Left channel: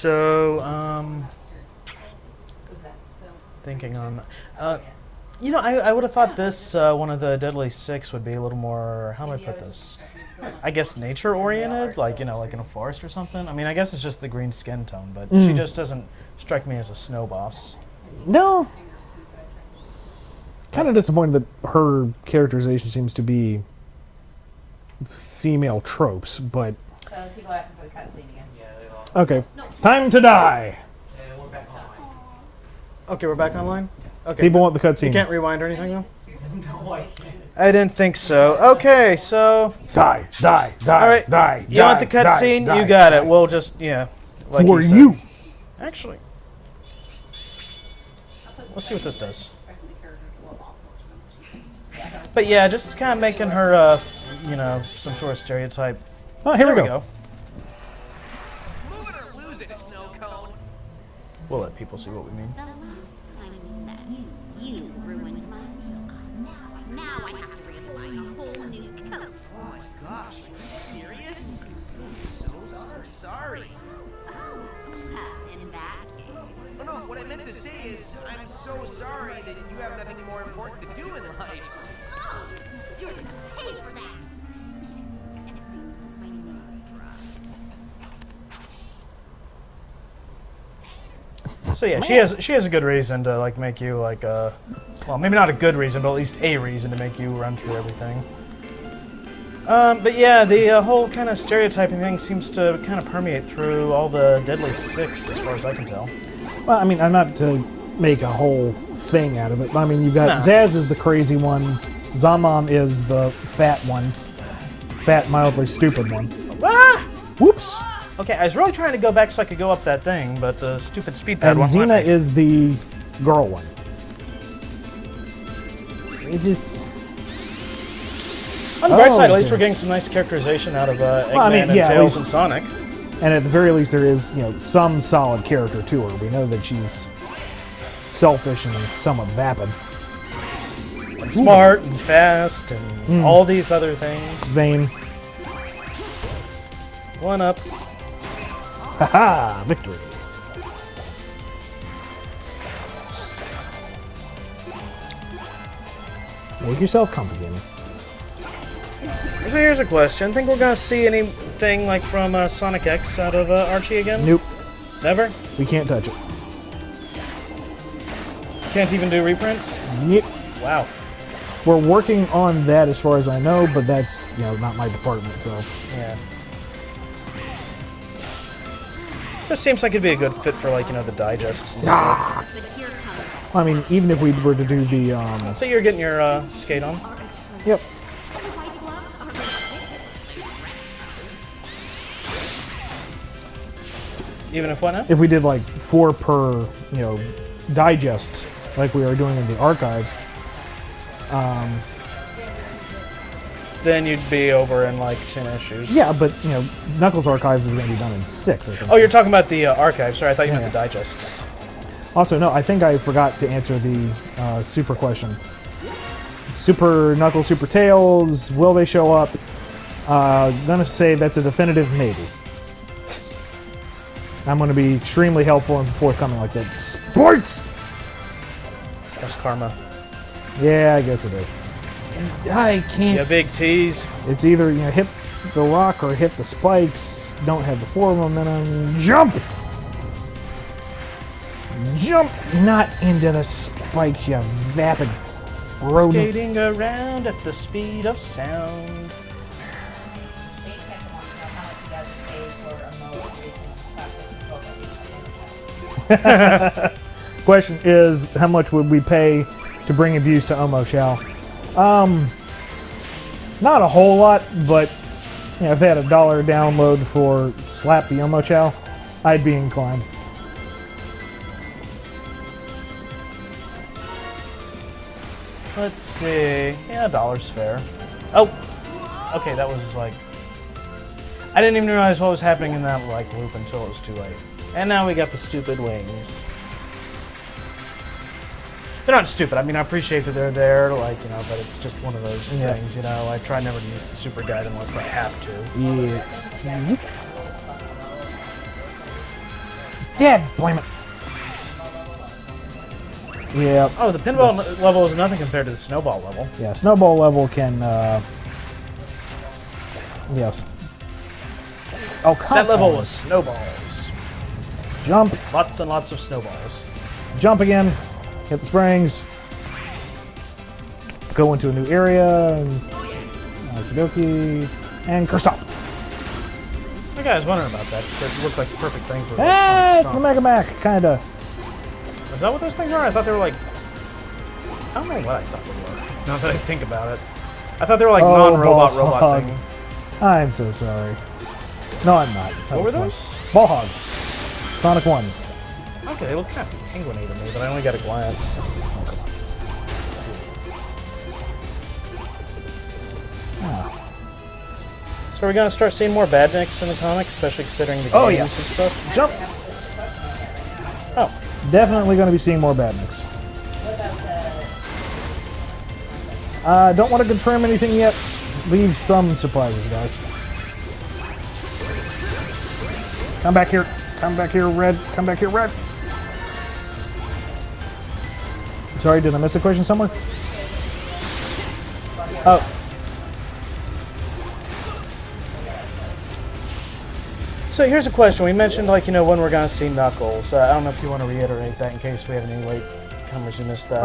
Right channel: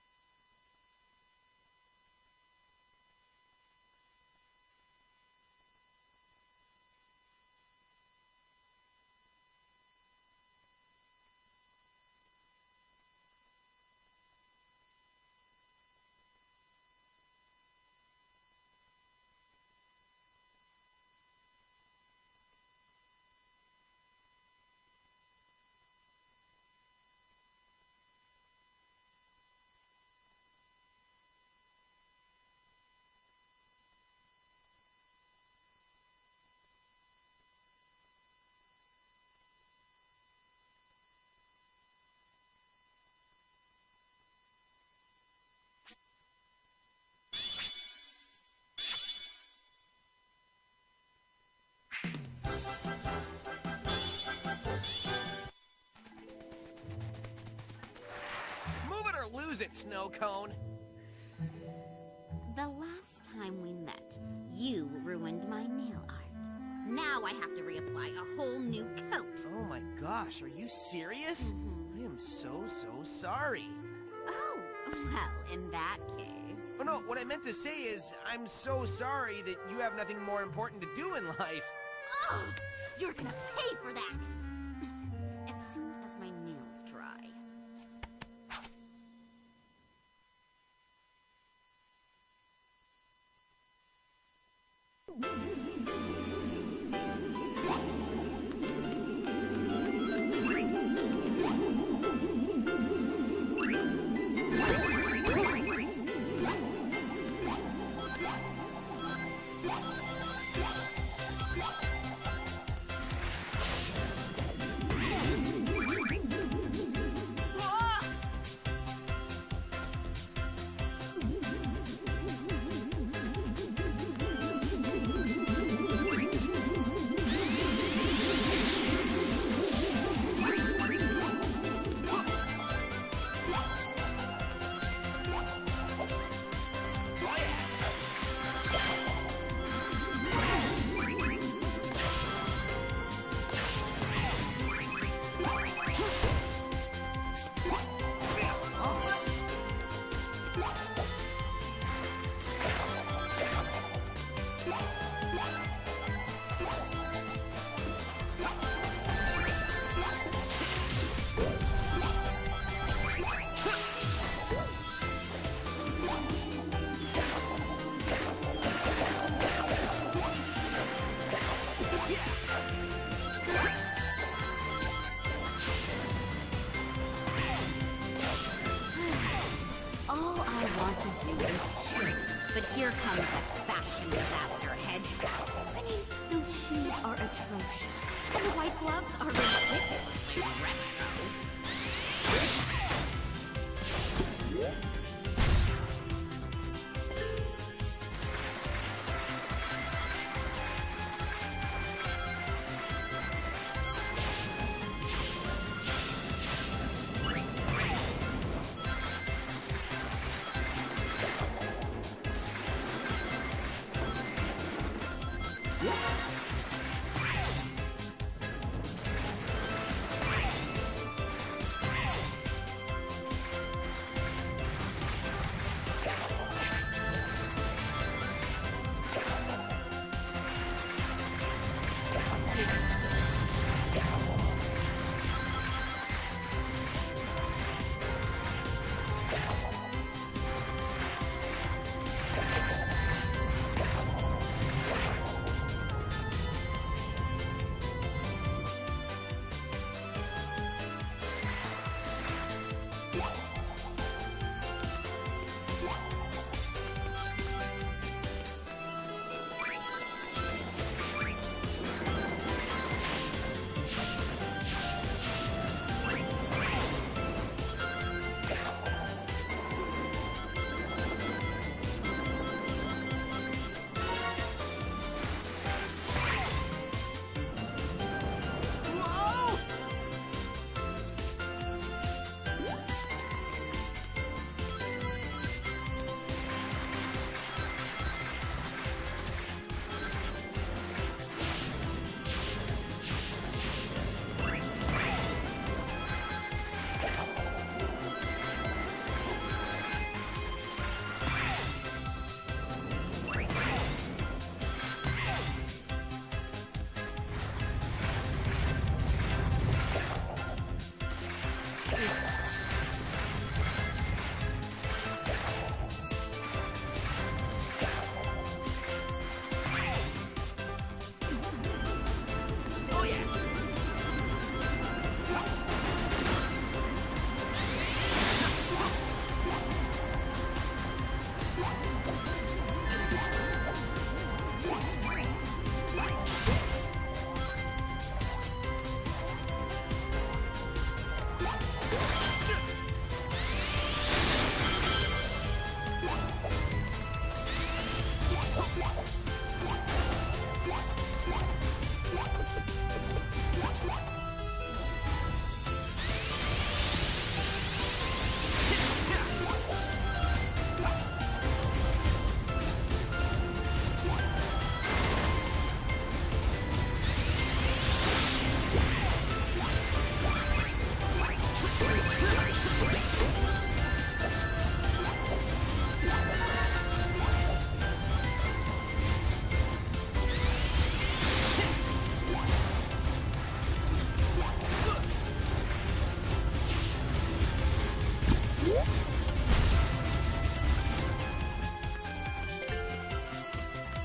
so thinking on, you know, I would have thought this one of the Deadly Six would be a little more. How do I put this? I guess nature oriented, like you know, like in a forest or something. I mean, I guess it's just the green skin tone, but she just doesn't strike me as a snow boss. No. Kind of disappointed that her characterization seems to be female tropes, but People are asking for the cutscene again. okay. Time to die. Okay, we're back online. Okay. People want the You cutscene. can't rewind or anything though. I didn't think so. Okay, so Die, die, die, all right. die. You want the cutscene? You got it. We'll just like For he said. you. Actually, let's see what this does. But yeah, just kind of making her, you know, some sort of stereotype. Oh, here There we go. Move it or lose it, snow cone. We'll let people see what we mean. The last time we met, you ruined my nail art. Now I have to reapply a whole new coat. Oh my gosh, are you serious? I am so sorry. Oh, well, in that case. Oh no, what I meant to say is, I'm so sorry that you have nothing more important to do in life. Oh, you're gonna pay for that. As soon as my nails dry. So yeah, she has a good reason to like make you like well, maybe not a good reason, but at least a reason to make you run through everything. But yeah, the whole kind of stereotyping thing seems to kind of permeate through all the Deadly Six, as far as I can tell. Well, I mean, I'm not to make a whole thing out of it, but I mean, you got No. Zaz is the crazy one, Zaman is the fat one, fat, mildly stupid one. Ah! Whoops! Okay, I was really trying to go back so I could go up that thing, but the stupid speed pad And won't let Xena me. is the girl one. It just, On the bright Oh, side, at least okay. we're getting some nice characterization out of Eggman I mean, and yeah, at Tails least- and Sonic. and at the very least, there is, you know, some solid character to her. We know that she's selfish and somewhat vapid. Smart and fast and all these other things. Vain. One up. Haha! Victory. Make yourself comfy, gamer. So here's a question. Think we're gonna see anything like from Sonic X out of Archie again? Nope. Never? We can't touch it. Can't even do reprints? Yep. Wow. We're working on that as far as I know, but that's, you know, not my department, so. Yeah. This seems like it'd be a good fit for like, you know, the digests and stuff. But here comes that. I mean, even if we were to do the, So you're getting your skate on? Are atrocious. Yep. And the white gloves are ridiculously retro. Even if what now? if we did like 4 per, you know, digest, like we are doing in the archives, Then you'd be over in like 10 issues. yeah, but, you know, Knuckles Archives is going to be done in 6, I think. Oh, you're talking about the archives. Sorry, I thought you meant the digests. Also, no, I think I forgot to answer the super question. Super Knuckles, Super Tails, will they show up? Gonna say that's a definitive maybe. I'm gonna be extremely helpful and forthcoming like that. Sports! That's karma. Yeah, I guess it is. I can't. Yeah, big tease. It's either, you know, hit the rock or hit the spikes. Don't have the forward momentum. Jump! Jump! Not into the spikes, you vapid rodent. Skating around at the speed of sound. Question is, how much would we pay to bring abuse to Omo Chow? Not a whole lot, but you know, if they had $1 download for Slap the Omo Chow, I'd be inclined. Let's see. Yeah, $1's fair. Oh! Okay, that was like... I didn't even realize what was happening in that like loop until it was too late. And now we got the stupid wings. They're not stupid. I mean, I appreciate that they're there, like, you know, but it's just one of those things, you know. I try never to use the super guide unless I have to. Yeah. dead. Blame it. Yeah. Oh, the pinball level is nothing compared to the snowball level. Yeah, snowball level can, yes. Oh, come That level on. was snowballs. Jump, Lots and lots of snowballs. jump again, hit the springs, go into a new area, and okie and stop. Okay, I was wondering about that. It looked like the perfect thing for Hey, Sonic it's the Stomp. Mega Mac, kinda. Is that what those things are? I thought they were like... I don't know what I thought they were. Now that I think about it. I thought they were like Oh, non-robot ball robot hog. thing. I'm so sorry. No, I'm not. What were those? Ball Hog. Sonic 1. Okay, they look kind of penguin-y to me, but I only got a glance. So are we gonna start seeing more badniks in the comics, especially considering the Oh, games yeah. and stuff? Jump! Oh, Definitely going to be seeing more badniks. Don't want to confirm anything yet. Leave some surprises, guys. Come back here. Come back here, Red. Come back here, Red. Sorry, did I miss a question somewhere? Oh. so here's a question. We mentioned, like, you know, when we're gonna see Knuckles. I don't know if you want to reiterate that in case we have any late numbers you missed that.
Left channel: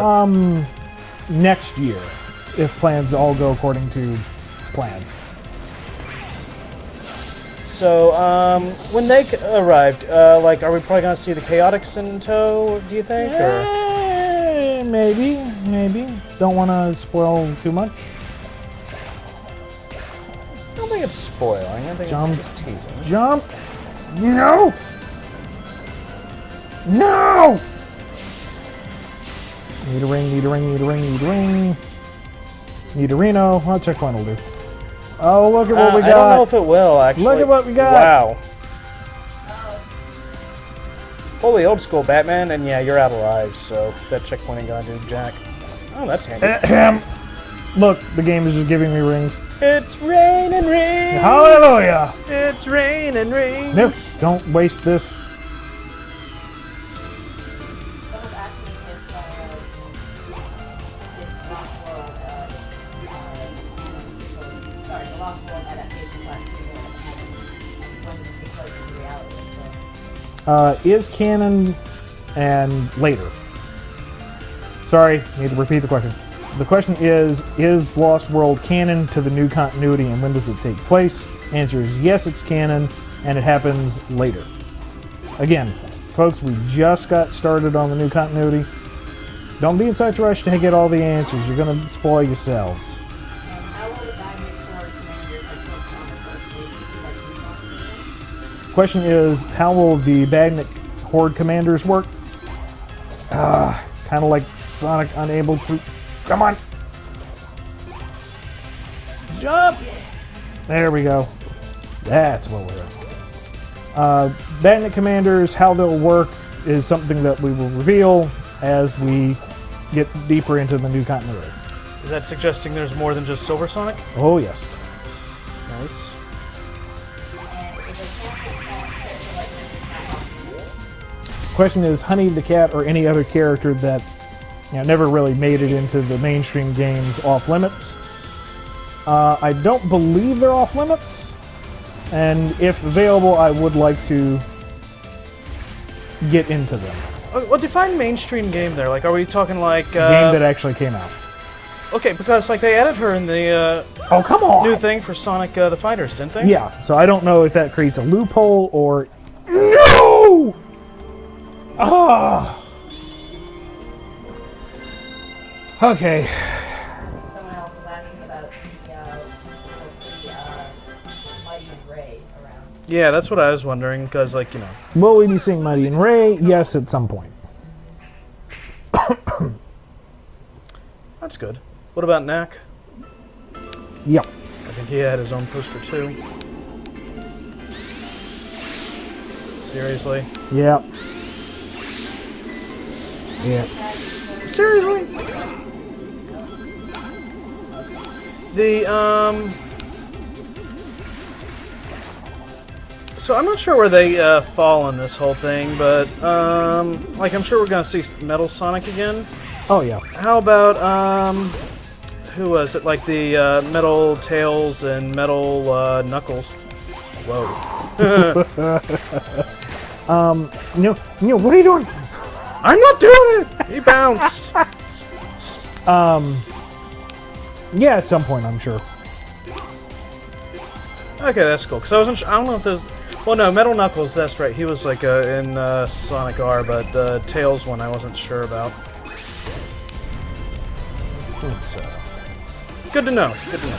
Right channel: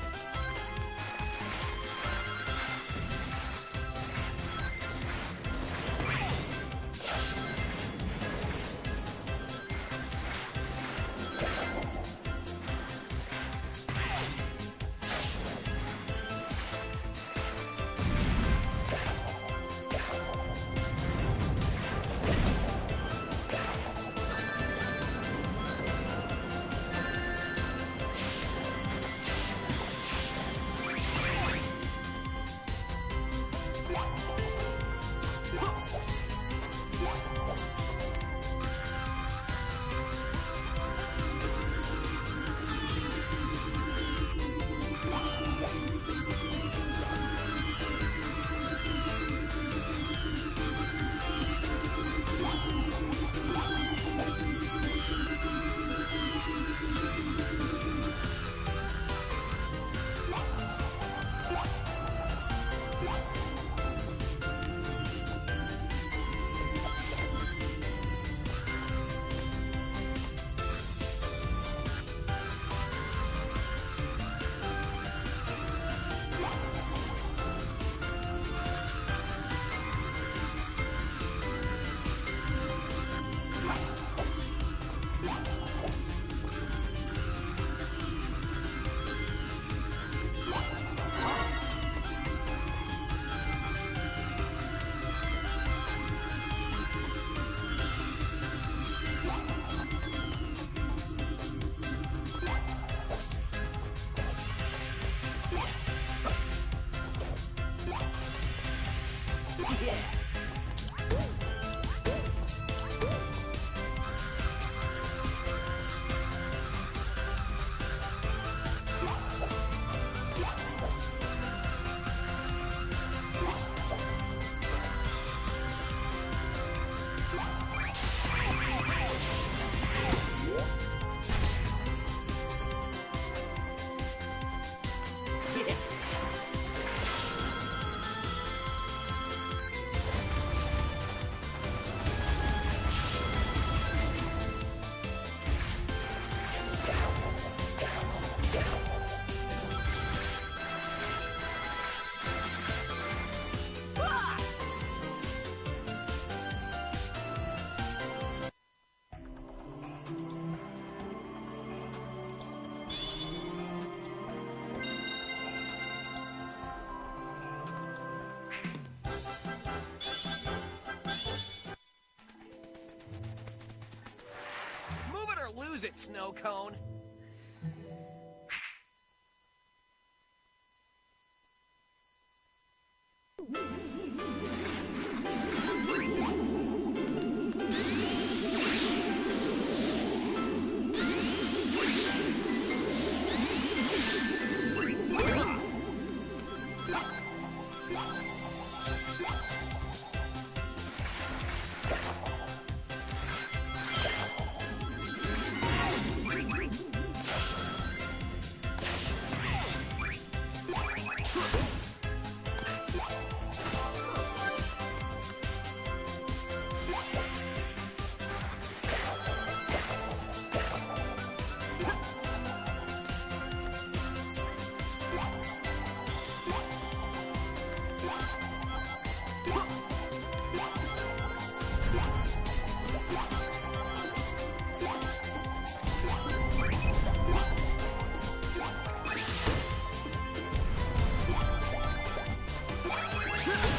Next year, if plans all go according to plan. So, when they arrived, like, are we probably gonna see the Chaotix in tow, do you think? Or? Maybe. Don't want to spoil too much. I don't think it's spoiling. I think it's teasing. Jump! No! No! Need a ring, need a ring, need a ring, need a ring. Need a Reno. Well, checkpoint will do. Oh, look at what we got. I don't know if it will, actually. Look at what we got. Wow. Fully old school Batman, and yeah, you're out of lives, so that checkpoint ain't gonna do jack. Oh, that's handy. Ahem. Look, the game is just giving me rings. It's rain and rain. Hallelujah! It's rain and rain. Nope, don't waste this. Is canon and later. Sorry, need to repeat the question. The question is Lost World canon to the new continuity and when does it take place? Answer is yes, it's canon and it happens later. Again, folks, we just got started on the new continuity. Don't be in such a rush to get all the answers. You're going to spoil yourselves. Question is, how will the Badnik Horde commanders work? Kind of like Sonic unable to... Come on! Jump! There we go. That's what we're Badnik commanders, how they'll work is something that we will reveal as we get deeper into the new continuity. Is that suggesting there's more than just Silver Sonic? Oh, yes. Nice. Question is, Honey the Cat or any other character that never really made it into the mainstream games off limits? I don't believe they're off limits, and if available, I would like to get into them. Well, define mainstream game there. Like, are we talking like... Game that actually came out. Okay, because like they added her in the Oh, come on! new thing for Sonic the Fighters, didn't they? Yeah, so I don't know if that creates a loophole or... No! Ah! Okay. Someone else was asking about the Mighty Ray around. Yeah, that's what I was wondering, because, like, you know... Will we be seeing Mighty and Ray? Yes, at some point. That's good. What about Knack? Yep. I think he had his own poster, too. Seriously? Yep. Yeah. Seriously? So I'm not sure where they fall in this whole thing, but like I'm sure we're gonna see Metal Sonic again. Oh yeah. How about who was it? Like the Metal Tails and Metal Knuckles. Whoa. Neil, what are you doing? I'm not doing it. He bounced. Yeah, at some point, I'm sure. Okay, that's cool. Cause I wasn't. I don't know if there's. Well, no, Metal Knuckles. That's right. He was like in Sonic R, but the Tails one I wasn't sure about. So, good to know. Good to know.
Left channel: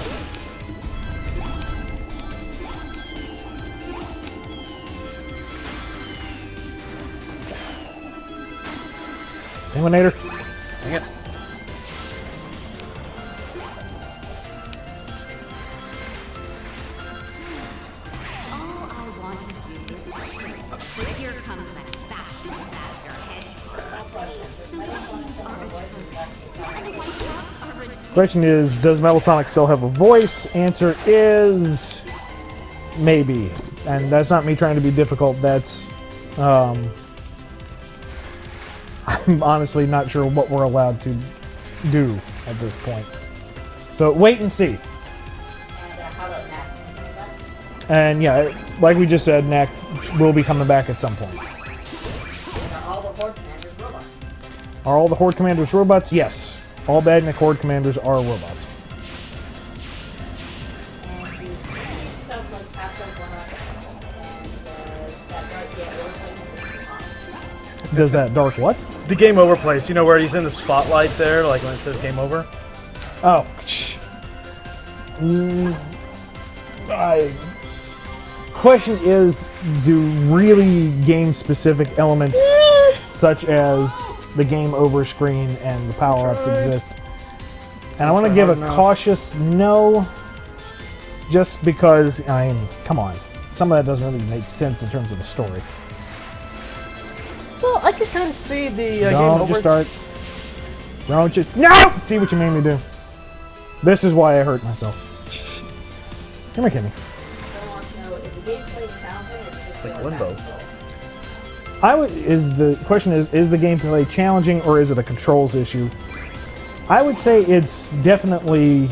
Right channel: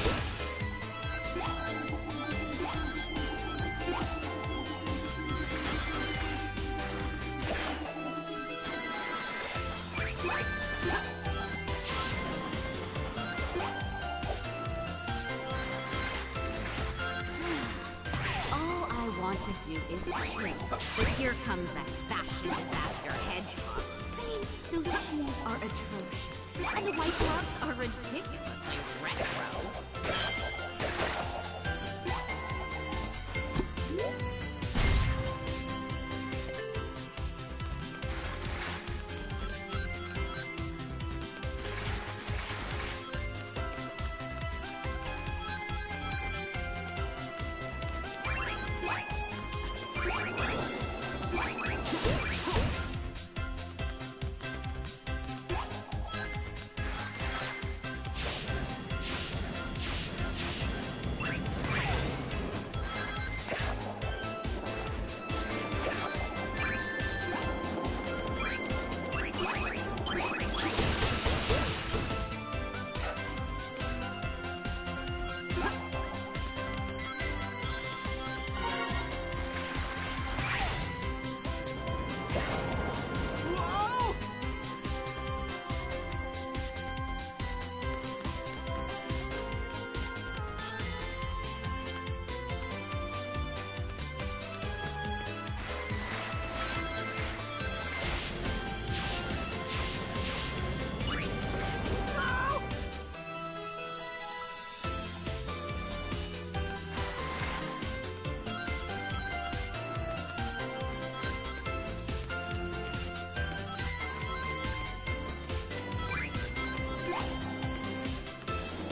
Eliminator. Dang it. All I want to do is chill. But here comes that fashion disaster hedgehog. Those shoes are atrocious. And the white socks are ridiculous. Question is, does Metal Sonic still have a voice? Answer is maybe. And that's not me trying to be difficult. That's I'm honestly not sure what we're allowed to do at this point. So wait and see. And yeah, like we just said, Knack will be coming back at some point. Are all the Horde Commanders robots? Yes. All Badnik Horde Commanders are robots. Does that dark what? The game over place. You know where he's in the spotlight there, like when it says game over. Oh. Question is, do really game-specific elements such as the game over screen and the power-ups exist? And I want to give a cautious no, just because, I mean, come on. Some of that doesn't really make sense in terms of the story. Well, I can kind of see the game Don't over. just start. Don't just. No! See what you made me do. This is why I hurt myself. Come here, Kimmy. It's like Limbo. The question is the gameplay challenging or is it a controls issue? I would say it's definitely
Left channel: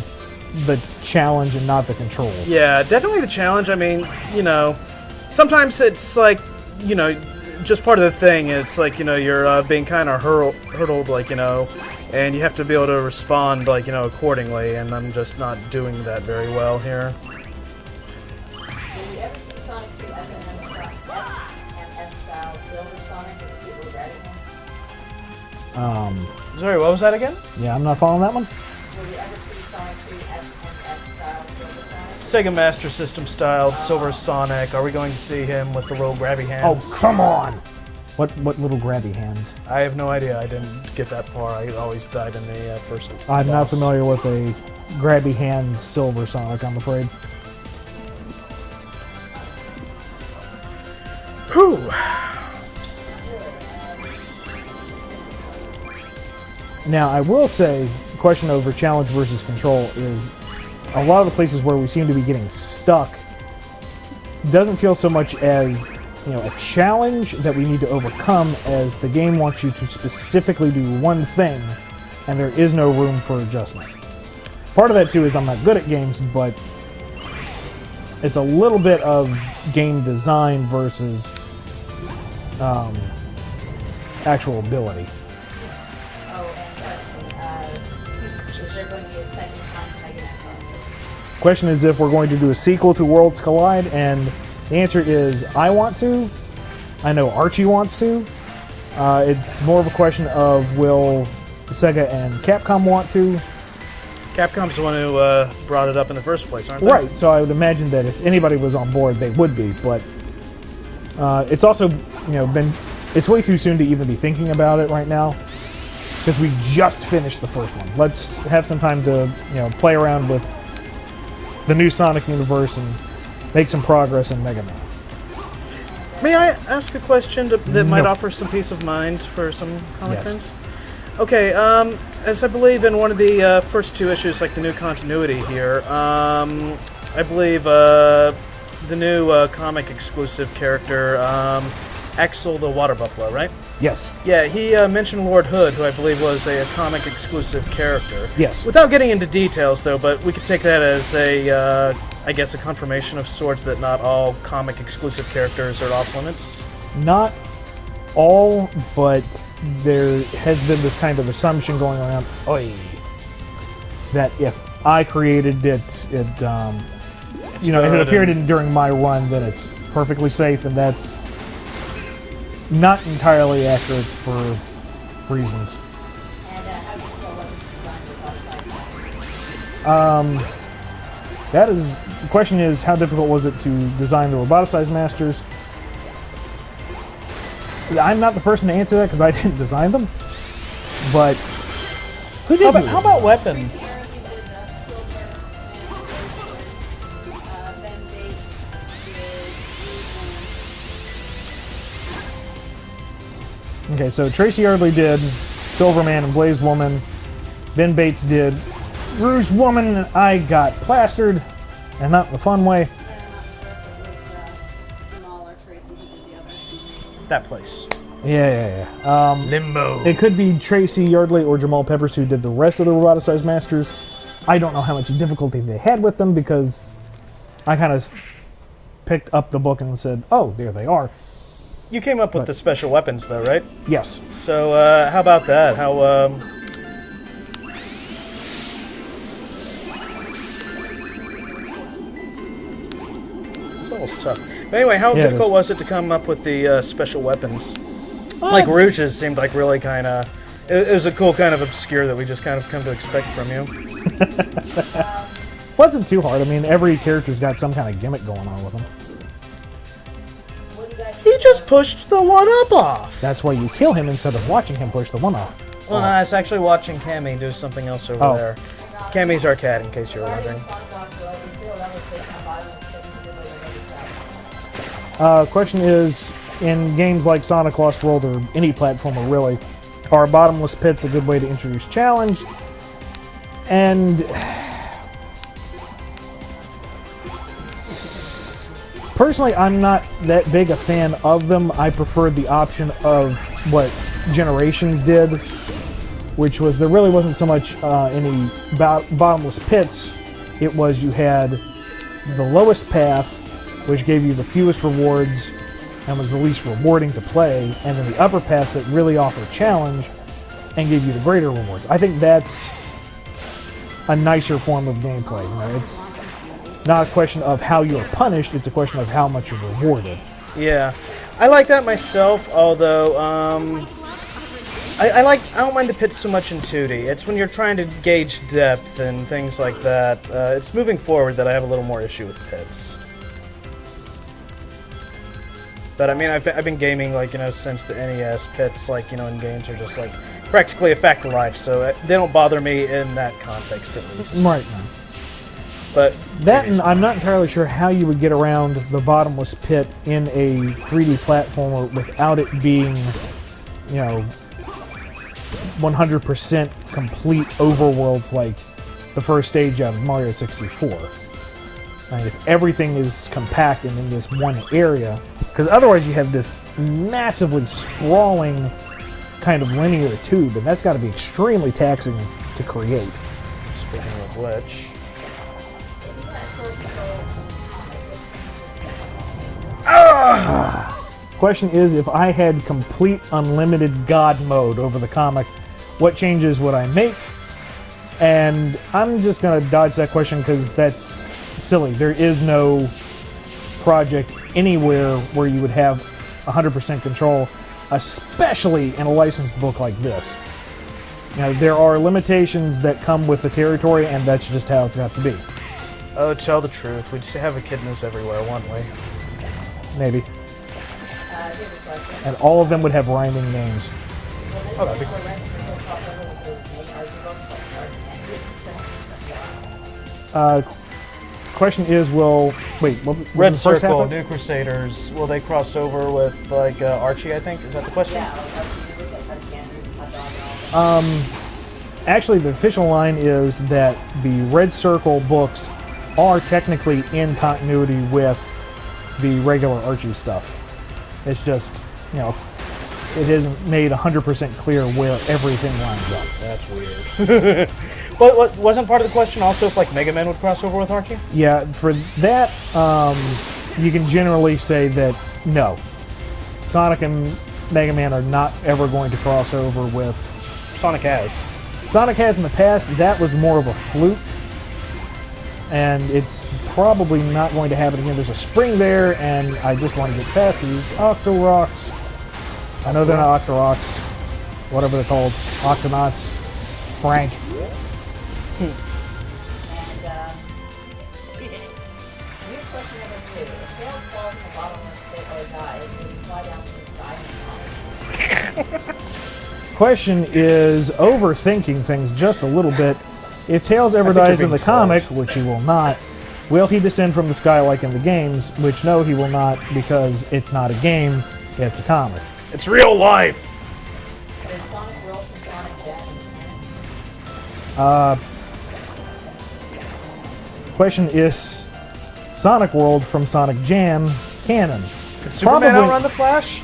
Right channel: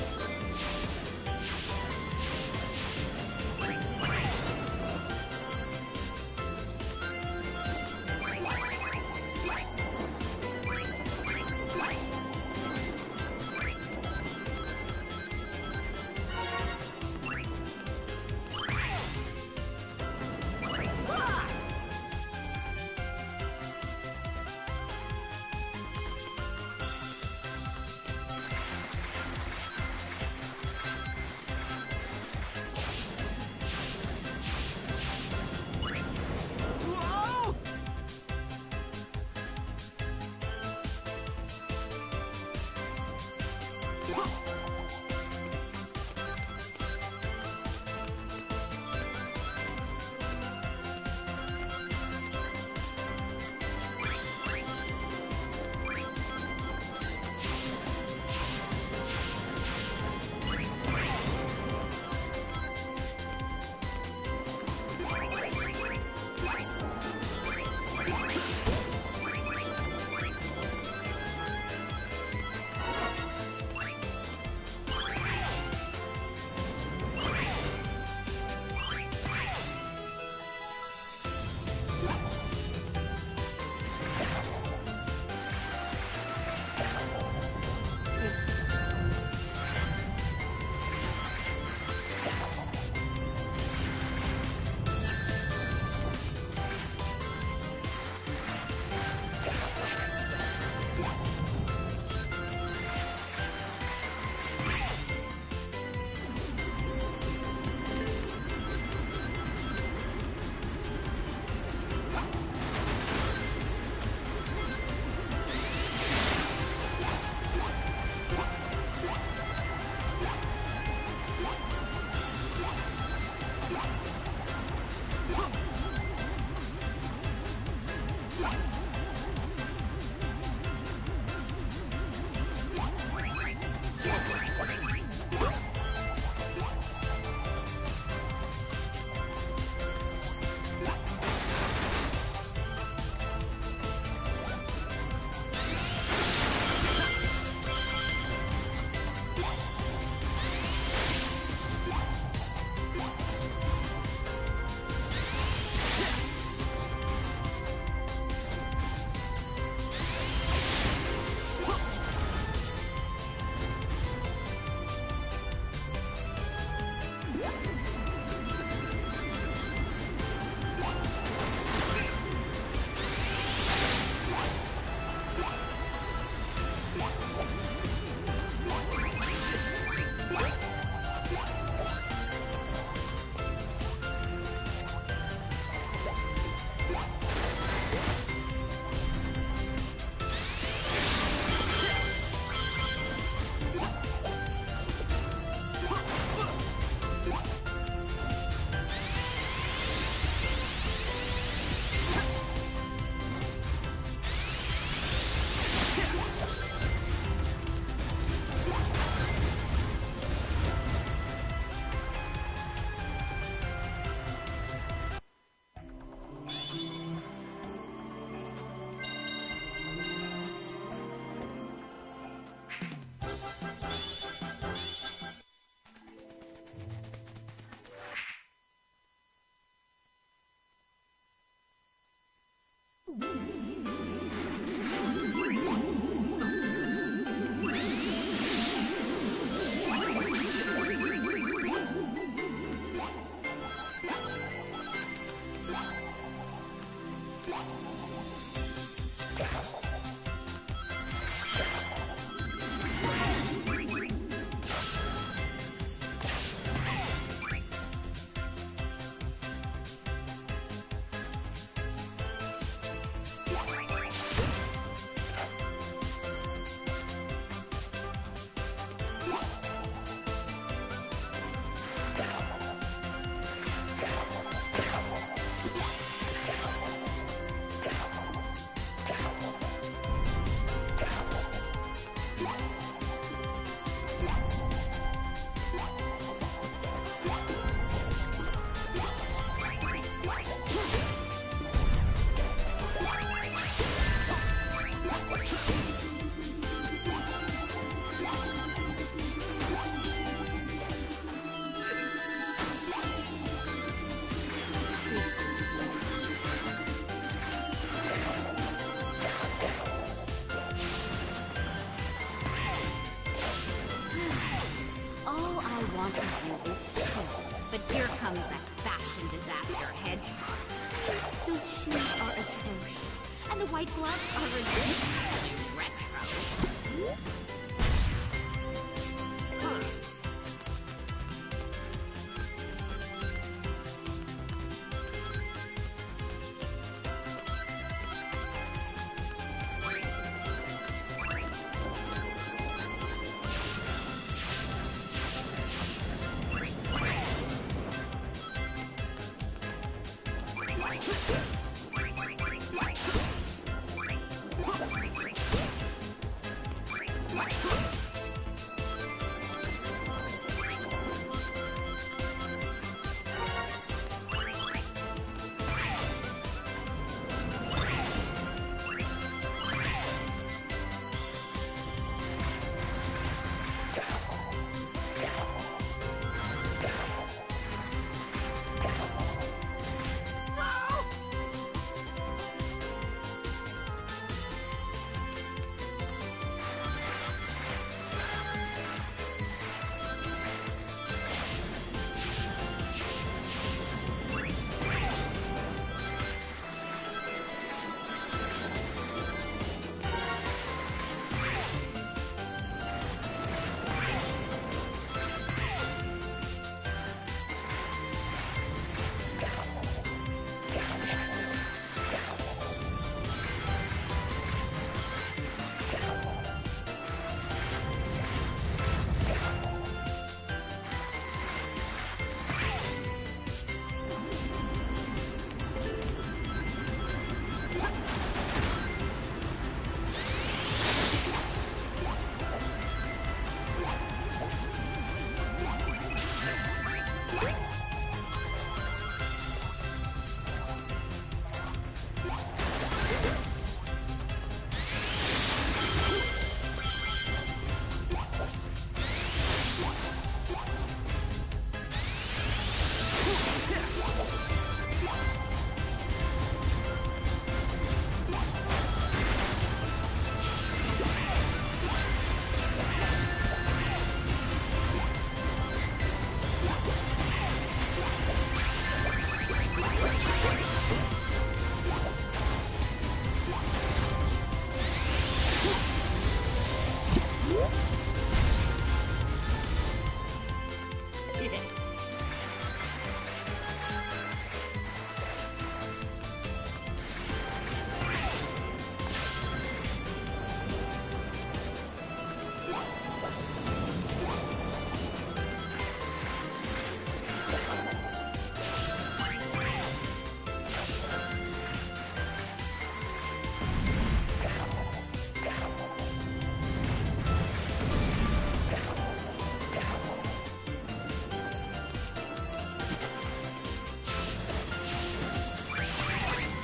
the challenge and not the controls. Yeah, definitely the challenge. I mean, you know, sometimes it's like, you know, just part of the thing. It's like, you know, you're being kind of hurdled, like, you know, and you have to be able to respond, like, you know, accordingly, and I'm just not doing that very well here. Sorry, what was that again? Yeah, I'm not following that one. Sega Master System style Silver Sonic. Are we going to see him with the little grabby hands? Oh, come on! What little grabby hands? I have no idea. I didn't get that far. I always died in the first. I'm not boss. familiar with a grabby hand Silver Sonic, I'm afraid. Whew. Now, I will say, the question over challenge versus control is a lot of the places where we seem to be getting stuck doesn't feel so much as, you know, a challenge that we need to overcome as the game wants you to specifically do one thing and there is no room for adjustment. Part of that too is I'm not good at games, but it's a little bit of game design versus actual ability. Question is if we're going to do a sequel to Worlds Collide, and the answer is I want to. I know Archie wants to. It's more of a question of will Sega and Capcom want to. Capcom's the one who brought it up in the first place, aren't they? Right, so I would imagine that if anybody was on board, they would be, but it's also, you know, it's way too soon to even be thinking about it right now, because we just finished the first one. Let's have some time to, you know, play around with the new Sonic universe and make some progress in Mega Man. May I ask a question that might No. offer some peace of mind for some comic Yes. fans? Okay, as I believe in one of the first two issues, like the new continuity here, I believe the new comic exclusive character, Axel the Water Buffalo, right? Yes. Yeah, he mentioned Lord Hood, who I believe was a comic exclusive character. Yes. Without getting into details, though, but we could take that as a, I guess, a confirmation of sorts that not all comic exclusive characters are off limits. Not all, but there has been this kind of assumption going around that if I created it, it if it appeared during my run, then it's perfectly safe, and that's not entirely accurate for reasons. That is, the question is, how difficult was it to design the roboticized masters? Yeah, I'm not the person to answer that because I didn't design them, but who did How about weapons? Okay, so Tracy Yardley did Silverman and Blaze Woman. Ben Bates did Rouge Woman, and I got plastered, and not in the fun way. That place. Yeah. Limbo. It could be Tracy Yardley or Jamal Peppers who did the rest of the roboticized masters. I don't know how much difficulty they had with them because I kind of picked up the book and said, oh, there they are. You came up with the special weapons, though, right? Yes. So, how about that? How, It's almost tough. But anyway, how Yeah, it difficult is. was it to come up with the special weapons? Like Rouge's seemed like really kind of... It was a cool kind of obscure that we just kind of come to expect from you. Wasn't too hard. I mean, every character's got some kind of gimmick going on with them. He just pushed the one-up off! That's why you kill him instead of watching him push the one off. Well, no, I was actually watching Cammy do something else over there. Cammy's our cat, in case you're wondering. Question is, in games like Sonic Lost World or any platformer really, are bottomless pits a good way to introduce challenge? And personally, I'm not that big a fan of them. I preferred the option of what Generations did, which was there really wasn't so much any bottomless pits. It was you had the lowest path, which gave you the fewest rewards and was the least rewarding to play, and then the upper path that really offered challenge and gave you the greater rewards. I think that's a nicer form of gameplay. You know, it's not a question of how you're punished, it's a question of how much you're rewarded. Yeah. I like that myself, although, I don't mind the pits so much in 2D. It's when you're trying to gauge depth and things like that. It's moving forward that I have a little more issue with pits. But I mean, I've been gaming, like, you know, since the NES. Pits, like, you know, in games are just like practically a fact of life, so they don't bother me in that context at least. Right. But That, and I'm not entirely sure how you would get around the bottomless pit in a 3D platformer without it being, you know, 100% complete overworlds like the first stage of Mario 64. And if everything is compacted in this one area, because otherwise you have this massively sprawling kind of linear tube, and that's got to be extremely taxing to create. speaking of which, Question is, if I had complete unlimited God mode over the comic, what changes would I make? And I'm just going to dodge that question because that's silly. There is no project anywhere where you would have 100% control, especially in a licensed book like this. Now, there are limitations that come with the territory, and that's just how it's got to be. oh, tell the truth, we'd just have echidnas everywhere, wouldn't we? Maybe. And all of them would have rhyming names. Oh, that'd be cool. Question is, will... Wait, what was Red the first half Circle, of it? New Crusaders, will they cross over with, like, Archie, I think? Is that the question? Actually, the official line is that the Red Circle books are technically in continuity with the regular Archie stuff. It's just, you know, it isn't made 100% clear where everything lines up. That's weird. But wasn't part of the question also if like Mega Man would cross over with Archie? Yeah, for that, you can generally say that no. Sonic and Mega Man are not ever going to cross over with. Sonic has. Sonic has in the past. That was more of a fluke, and it's probably not going to happen again. There's a spring there, and I just want to get past these Octorocks. I know they're not Octorocks, whatever they're called, Octonauts. Frank. Question is overthinking things just a little bit. If Tails ever dies in the comic, which he will not, will he descend from the sky like in the games? Which no, he will not, because it's not a game, it's a comic. It's real life. Question is Sonic World from Sonic Jam canon? Superman outrun the Flash?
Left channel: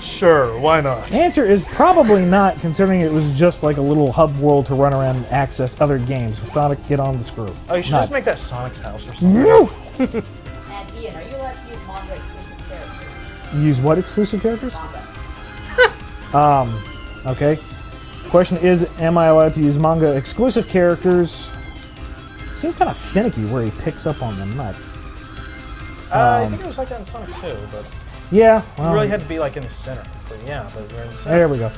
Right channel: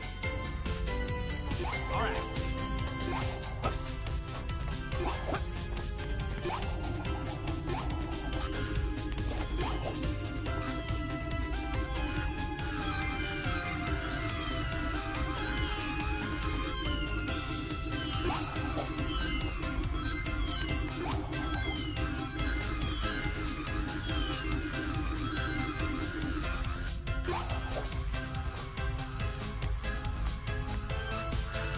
Sure, why not? Answer is probably not, considering it was just like a little hub world to run around and access other games. Sonic, get on the screw. Oh, you should Not. just make that Sonic's house or something. And Ian, are you allowed to use manga exclusive characters? Use what exclusive characters? Okay. Question is, am I allowed to use manga exclusive characters? Seems kind of finicky where he picks up on the nut. I think it was like that in Sonic 2, but Yeah. you really had to be like in the center. But yeah, but you're in the center. There we go.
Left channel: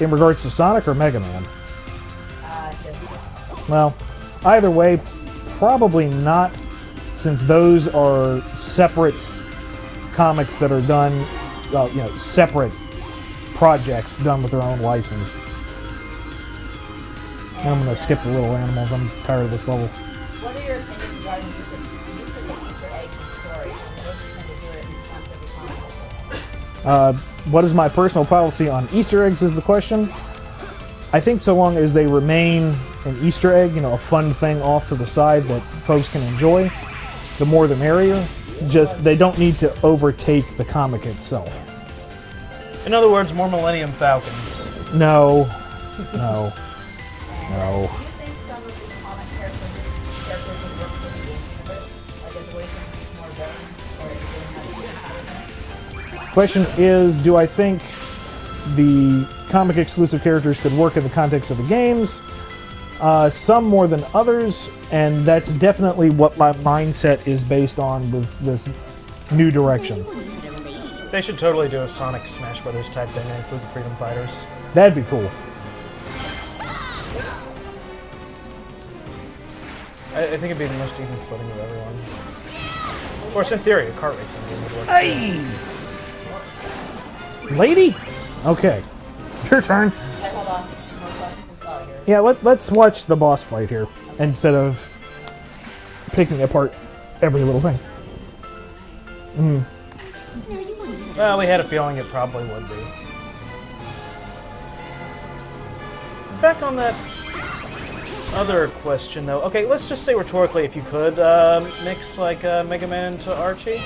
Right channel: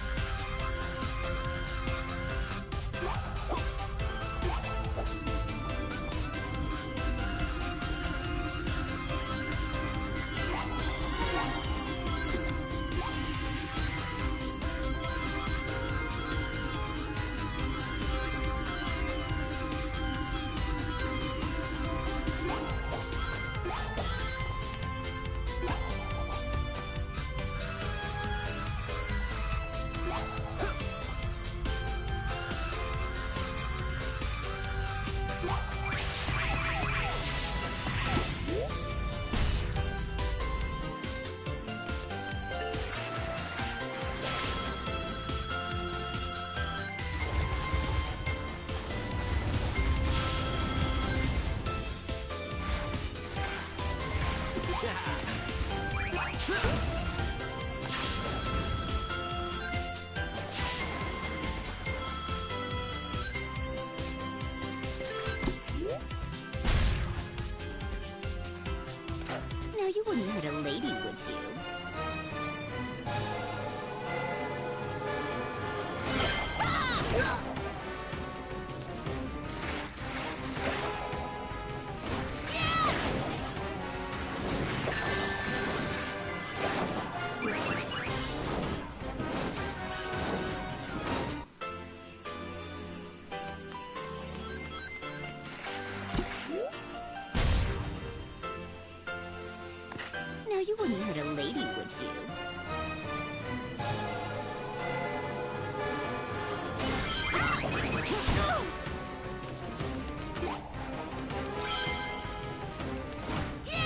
In regards to Sonic or Mega Man? Well, either way, probably not, since those are separate comics that are done, you know, separate projects done with their own license. I'm gonna skip the little animals. I'm tired of this level. What are your opinions regarding the story? What is my personal policy on Easter eggs is the question. I think so long as they remain an Easter egg, you know, a fun thing off to the side that folks can enjoy, the more the merrier. Just, they don't need to overtake the comic itself. In other words, more Millennium Falcons. No. No. No. Question is, do I think the comic exclusive characters could work in the context of the games? Some more than others, and that's definitely what my mindset is based on with this new Now, direction. you wouldn't hurt a lady, would They should totally do a Sonic Smash Brothers type thing and include the Freedom Fighters. That'd be cool. I think it'd be the most even footing of everyone. Of course, in theory, a kart racing. Lady? Okay. Your turn. Hold on. Yeah, let's watch the boss fight here instead of picking apart every little thing. Now, you wouldn't hurt a Well, we lady. had a feeling it probably would be. Back on that other question, though. Okay, let's just say rhetorically, if you could mix like Mega Man into Archie,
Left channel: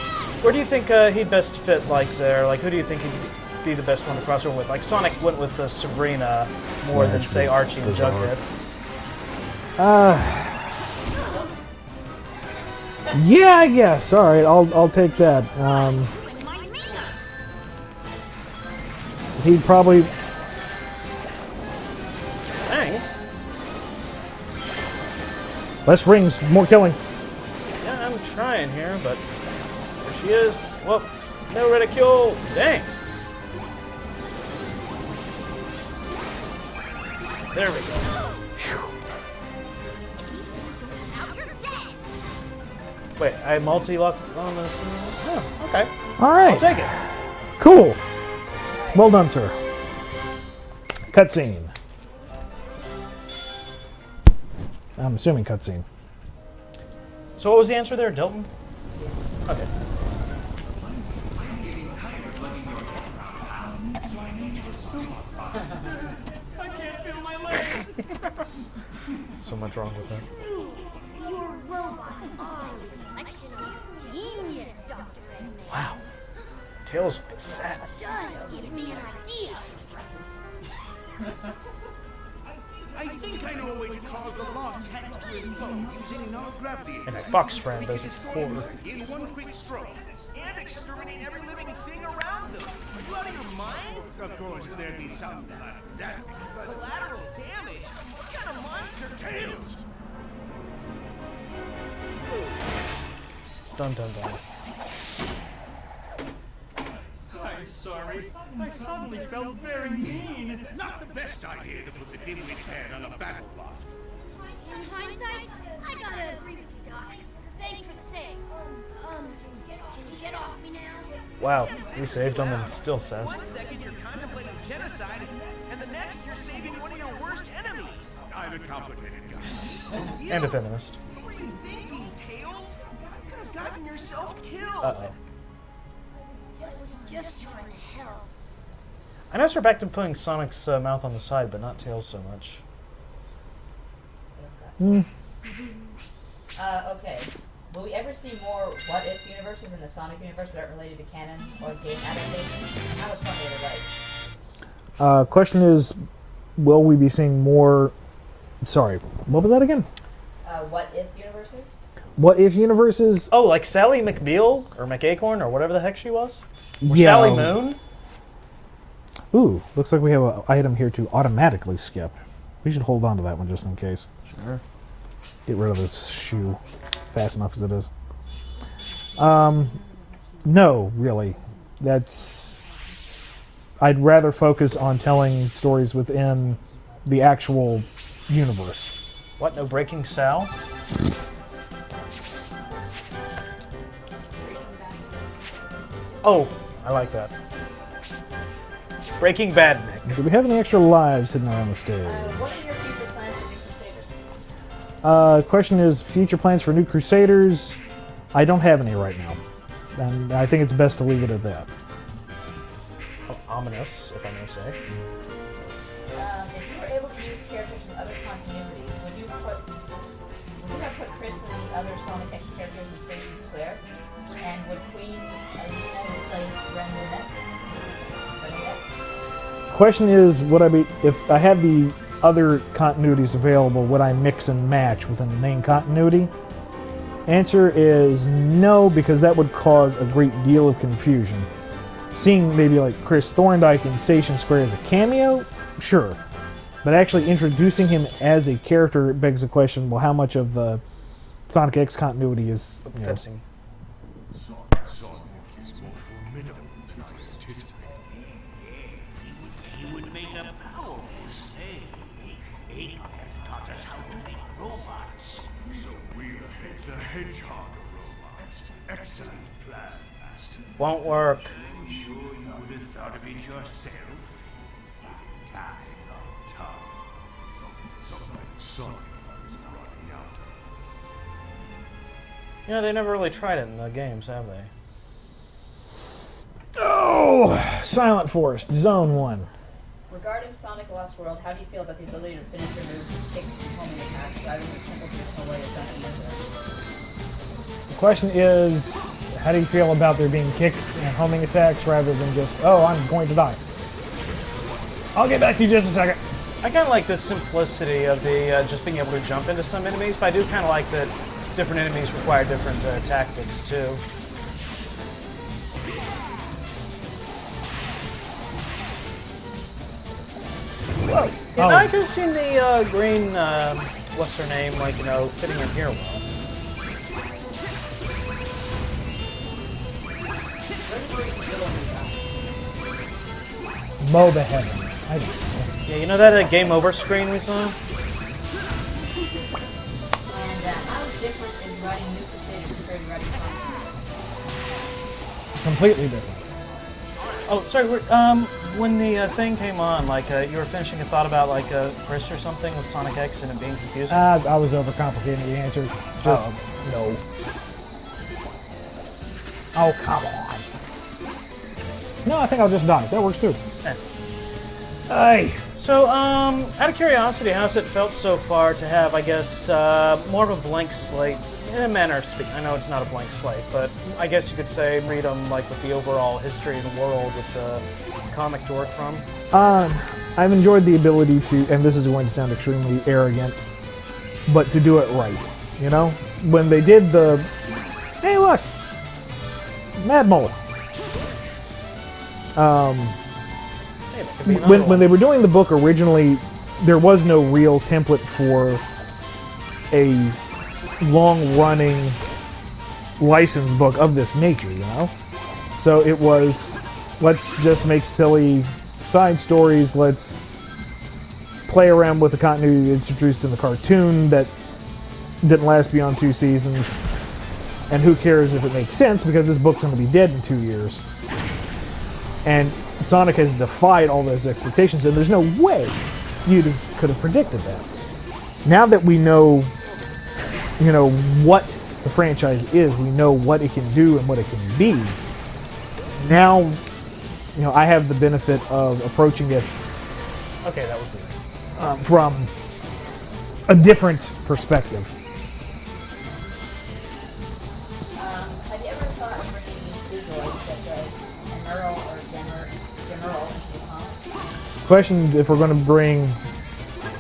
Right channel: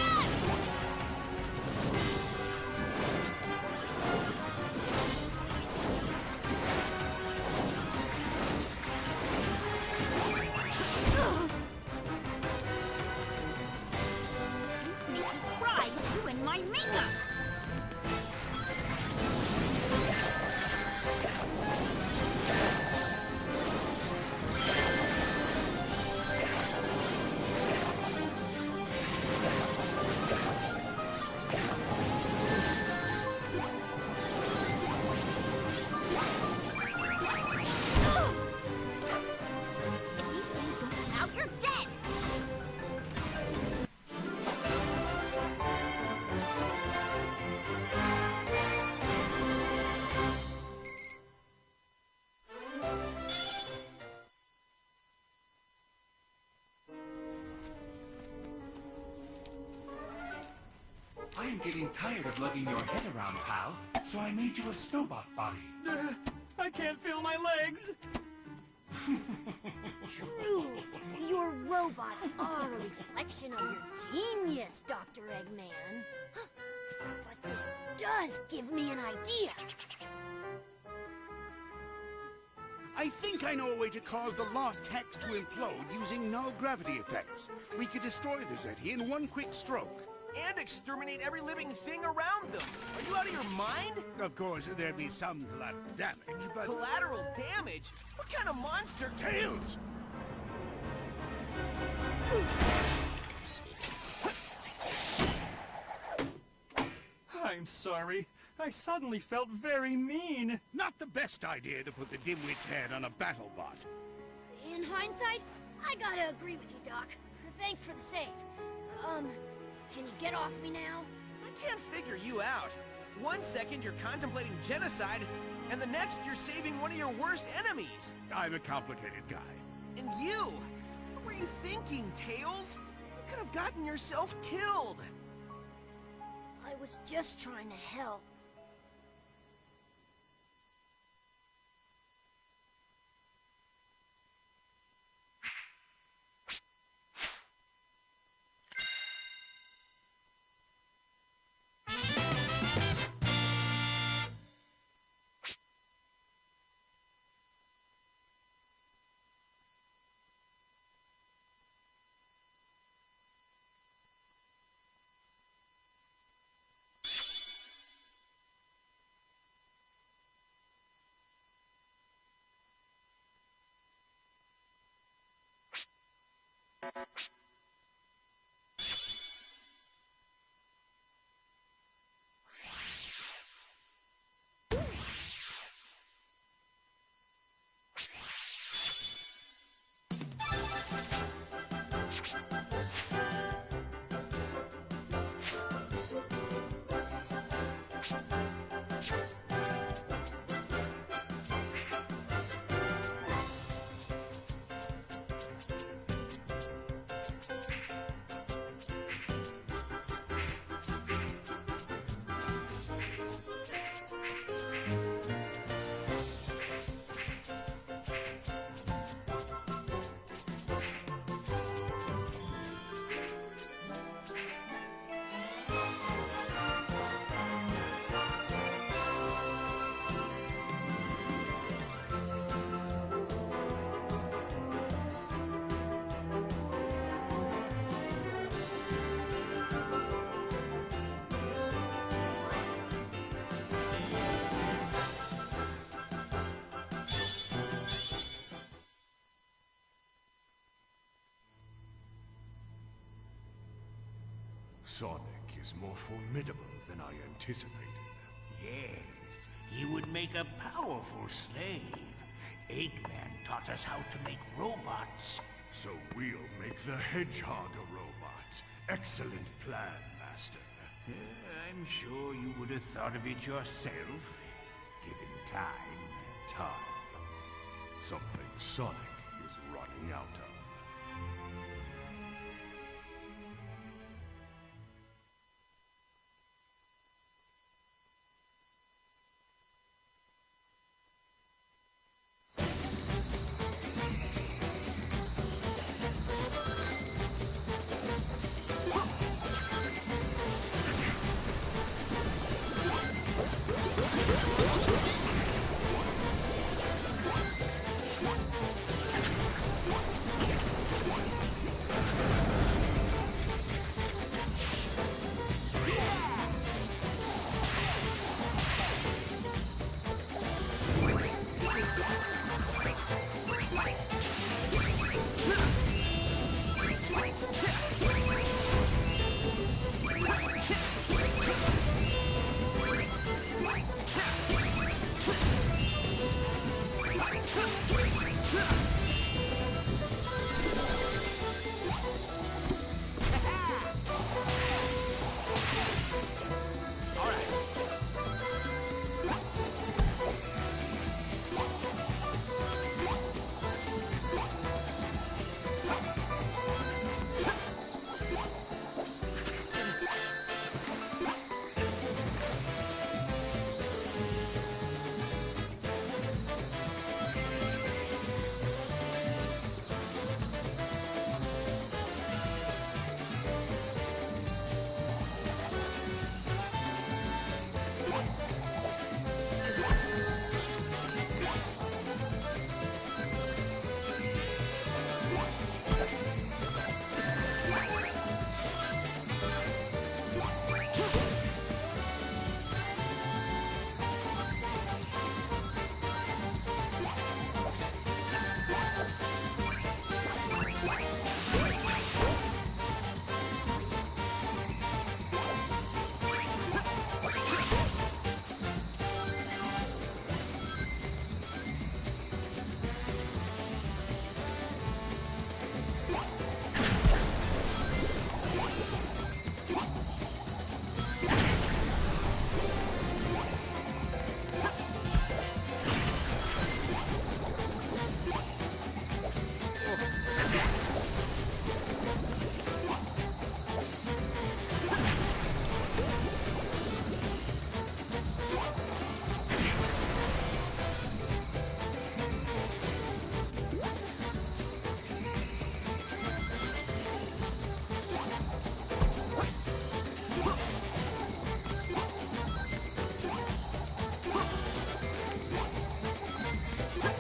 where do you think he'd best fit? Like there, like who do you think he'd be the best one to cross over with? Like Sonic went with Sabrina more than say Archie and Jughead. Yeah, I guess. All right, I'll take that. Ruin my makeup. He'd probably. Dang. Less rings, more killing. Yeah, I'm trying here, but there she is. Well, no ridicule. Dang. There we go. If these things don't come out, you're dead. Wait, I multi-lock on this. Oh, okay. All I'll right, take it. cool. Well done, sir. Cutscene. I'm assuming cutscene. So what was the answer there, Dilton? Okay. I'm getting tired of lugging your head around, pal. So I made you a snowball body. I can't feel my legs. So much wrong with that. Your robots are a reflection of your genius, Dr. Eggman. Wow. Tails with like sass. Does give me an idea. I think I know a way to cause the lost hex to implode using null gravity And effects. Fox friend We could does it destroy the forward. city in one quick stroke. And exterminate every living thing around them. Are you out of your mind? Of course, there'd be some collateral damage, but... Collateral damage? What kind of monster? Tails! Dun dun dun. I'm sorry. I suddenly felt very mean. Not the best idea to put the dimwit's head on a battle bot. In hindsight, I gotta agree with you, Doc. Thanks for the save. Can you get off me now? Wow, Can't he figure saved you him and out. still says. 1 second you're contemplating genocide, and the next you're saving one of your worst enemies. I'm a complicated guy. And you? And a feminist. What were you thinking, Tails? You could have gotten yourself killed. Uh-oh. I was just trying to help. I noticed we're back to putting Sonic's mouth on the side, but not Tails so much. Okay. Will we ever see more what-if universes in the Sonic universe that aren't related to canon or game adaptations? How much fun will they write? Question is, will we be seeing more? Sorry, what was that again? What-if universes? What if universes? Oh, like Sally McBeal or McAcorn or whatever the heck she was? Or Yeah. Sally Moon? Ooh, looks like we have an item here to automatically skip. We should hold on to that one just in case. Sure. Get rid of this shoe fast enough as it is. No, really. I'd rather focus on telling stories within the actual universe. What, no Breaking Sal? Oh, I like that. Breaking Bad. Do we have any extra lives hidden around the stage? What are your future plans for New Crusaders? Question is, future plans for New Crusaders? I don't have any right now. And I think it's best to leave it at that. Ominous, if I may say. If you were able to use characters from other continuities, would you have put Chris and the other Sonic X characters in Station Square? And would Queen play Ren Burnett? Question is, would I be, if I had the other continuities available, would I mix and match within the main continuity? Answer is no, because that would cause a great deal of confusion. Seeing maybe like Chris Thorndike in Station Square as a cameo, sure. But actually introducing him as a character begs the question, well, how much of the Sonic X continuity is, you know, Cutscene. Sonic is more formidable than I anticipated. Yes, he would make a powerful slave. Eggman taught us how to make robots. So we'll make the Hedgehog a robot. Excellent plan, Master. Won't work. I'm sure you would have thought of it yourself, given time. Time. Something Sonic is running out of. You know, they never really tried it in the games, have they? Oh, Silent Forest, Zone 1. Regarding Sonic Lost World, how do you feel about the ability to finish your moves with kicks and homing attacks rather than simple traditional way of done it? The question is, how do you feel about there being kicks and homing attacks rather than just, oh, I'm going to die? I'll get back to you just a second. I kind of like the simplicity of the just being able to jump into some enemies, but I do kind of like that different enemies require different tactics too. Yeah, I could have seen the green, what's her name, like, you know, fitting in here. Mow the head. Yeah, you know that game over screen recently? Completely different. Oh, sorry. When the thing came on, like you were finishing a thought about like Chris or something with Sonic X and it being confusing. I was overcomplicating the answer. Just no. Oh, come on. No, I think I'll just die. That works too. Okay. Hey. So, out of curiosity, how's it felt so far to have, I guess, more of a blank slate, in a manner of speaking? I know it's not a blank slate, but I guess you could say freedom, like with the overall history of the world, with the comic to work from. I've enjoyed the ability to, and this is going to sound extremely arrogant, but to do it right. You know, when they did the, hey look, Mad Mullet. When they were doing the book originally, there was no real template for a long-running licensed book of this nature, you know? So it was, let's just make silly side stories, let's play around with the continuity introduced in the cartoon that didn't last beyond 2 seasons, and who cares if it makes sense, because this book's going to be dead in 2 years. And Sonic has defied all those expectations, and there's no way you could have predicted that. Now that we know, you know, what the franchise is, we know what it can do and what it can be. Now, you know, I have the benefit of approaching it from a different perspective. Have you ever thought of bringing these games such as an Earl or General? Question if we're going to bring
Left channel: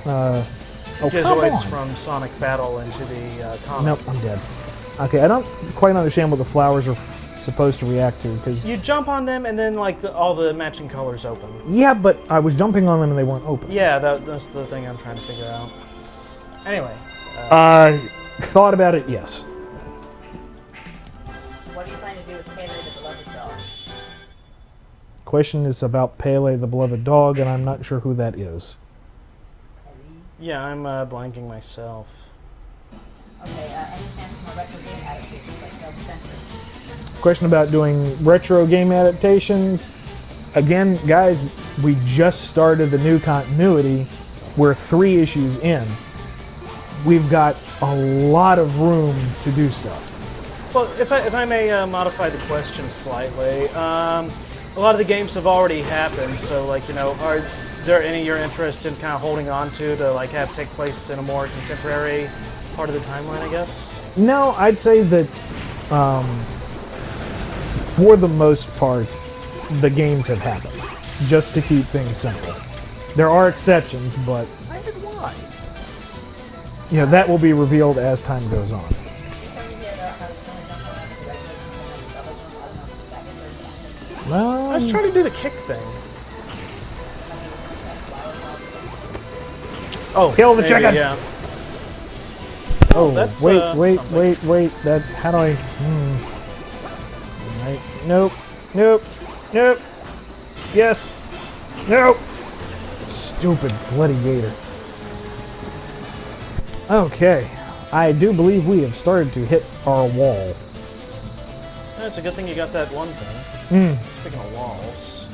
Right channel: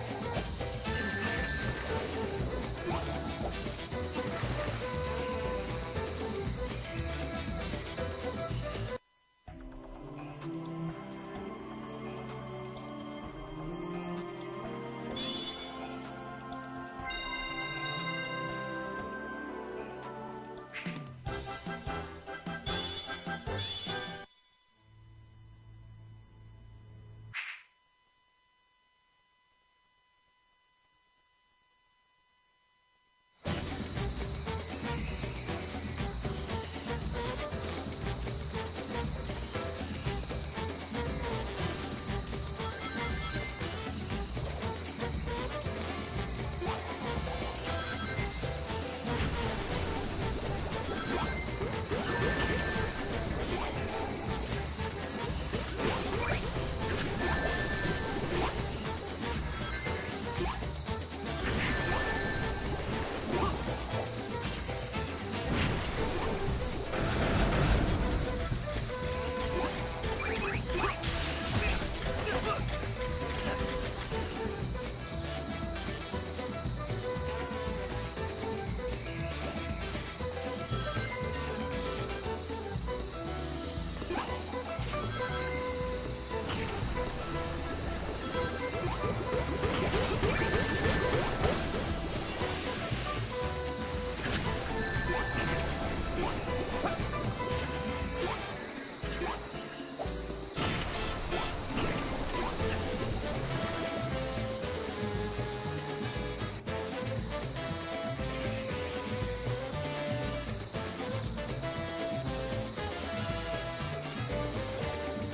Gizoids from Sonic Battle into the comic. Nope, I'm dead. Okay, I don't quite understand what the flowers are supposed to react to, because You jump on them and then like all the matching colors open. yeah, but I was jumping on them and they weren't open. Yeah, that's the thing I'm trying to figure out. Anyway. Thought about it, yes. What do you plan to do with Pele the Beloved Dog? Question is about Pele the Beloved Dog, and I'm not sure who that is. Yeah, I'm blanking myself. Okay, a retro game adaptation. That's sensitive. Question about doing retro game adaptations. Again, guys, we just started the new continuity. We're 3 issues in. We've got a lot of room to do stuff. Well, if I may modify the question slightly, a lot of the games have already happened, so like, you know, are there any you're interested in kind of holding on to like have take place in a more contemporary part of the timeline, I guess? No, I'd say that for the most part, the games have happened, just to keep things simple. There are exceptions, but you know, that will be revealed as time goes on. Well, I was trying to do the kick thing. Oh, kill the maybe, chicken! Yeah. Oh, That's, wait. something. That, how do I... Right. Nope. Yes. Nope. Stupid bloody gator. Okay. I do believe we have started to hit our wall. It's a good thing you got that one thing. Speaking of walls.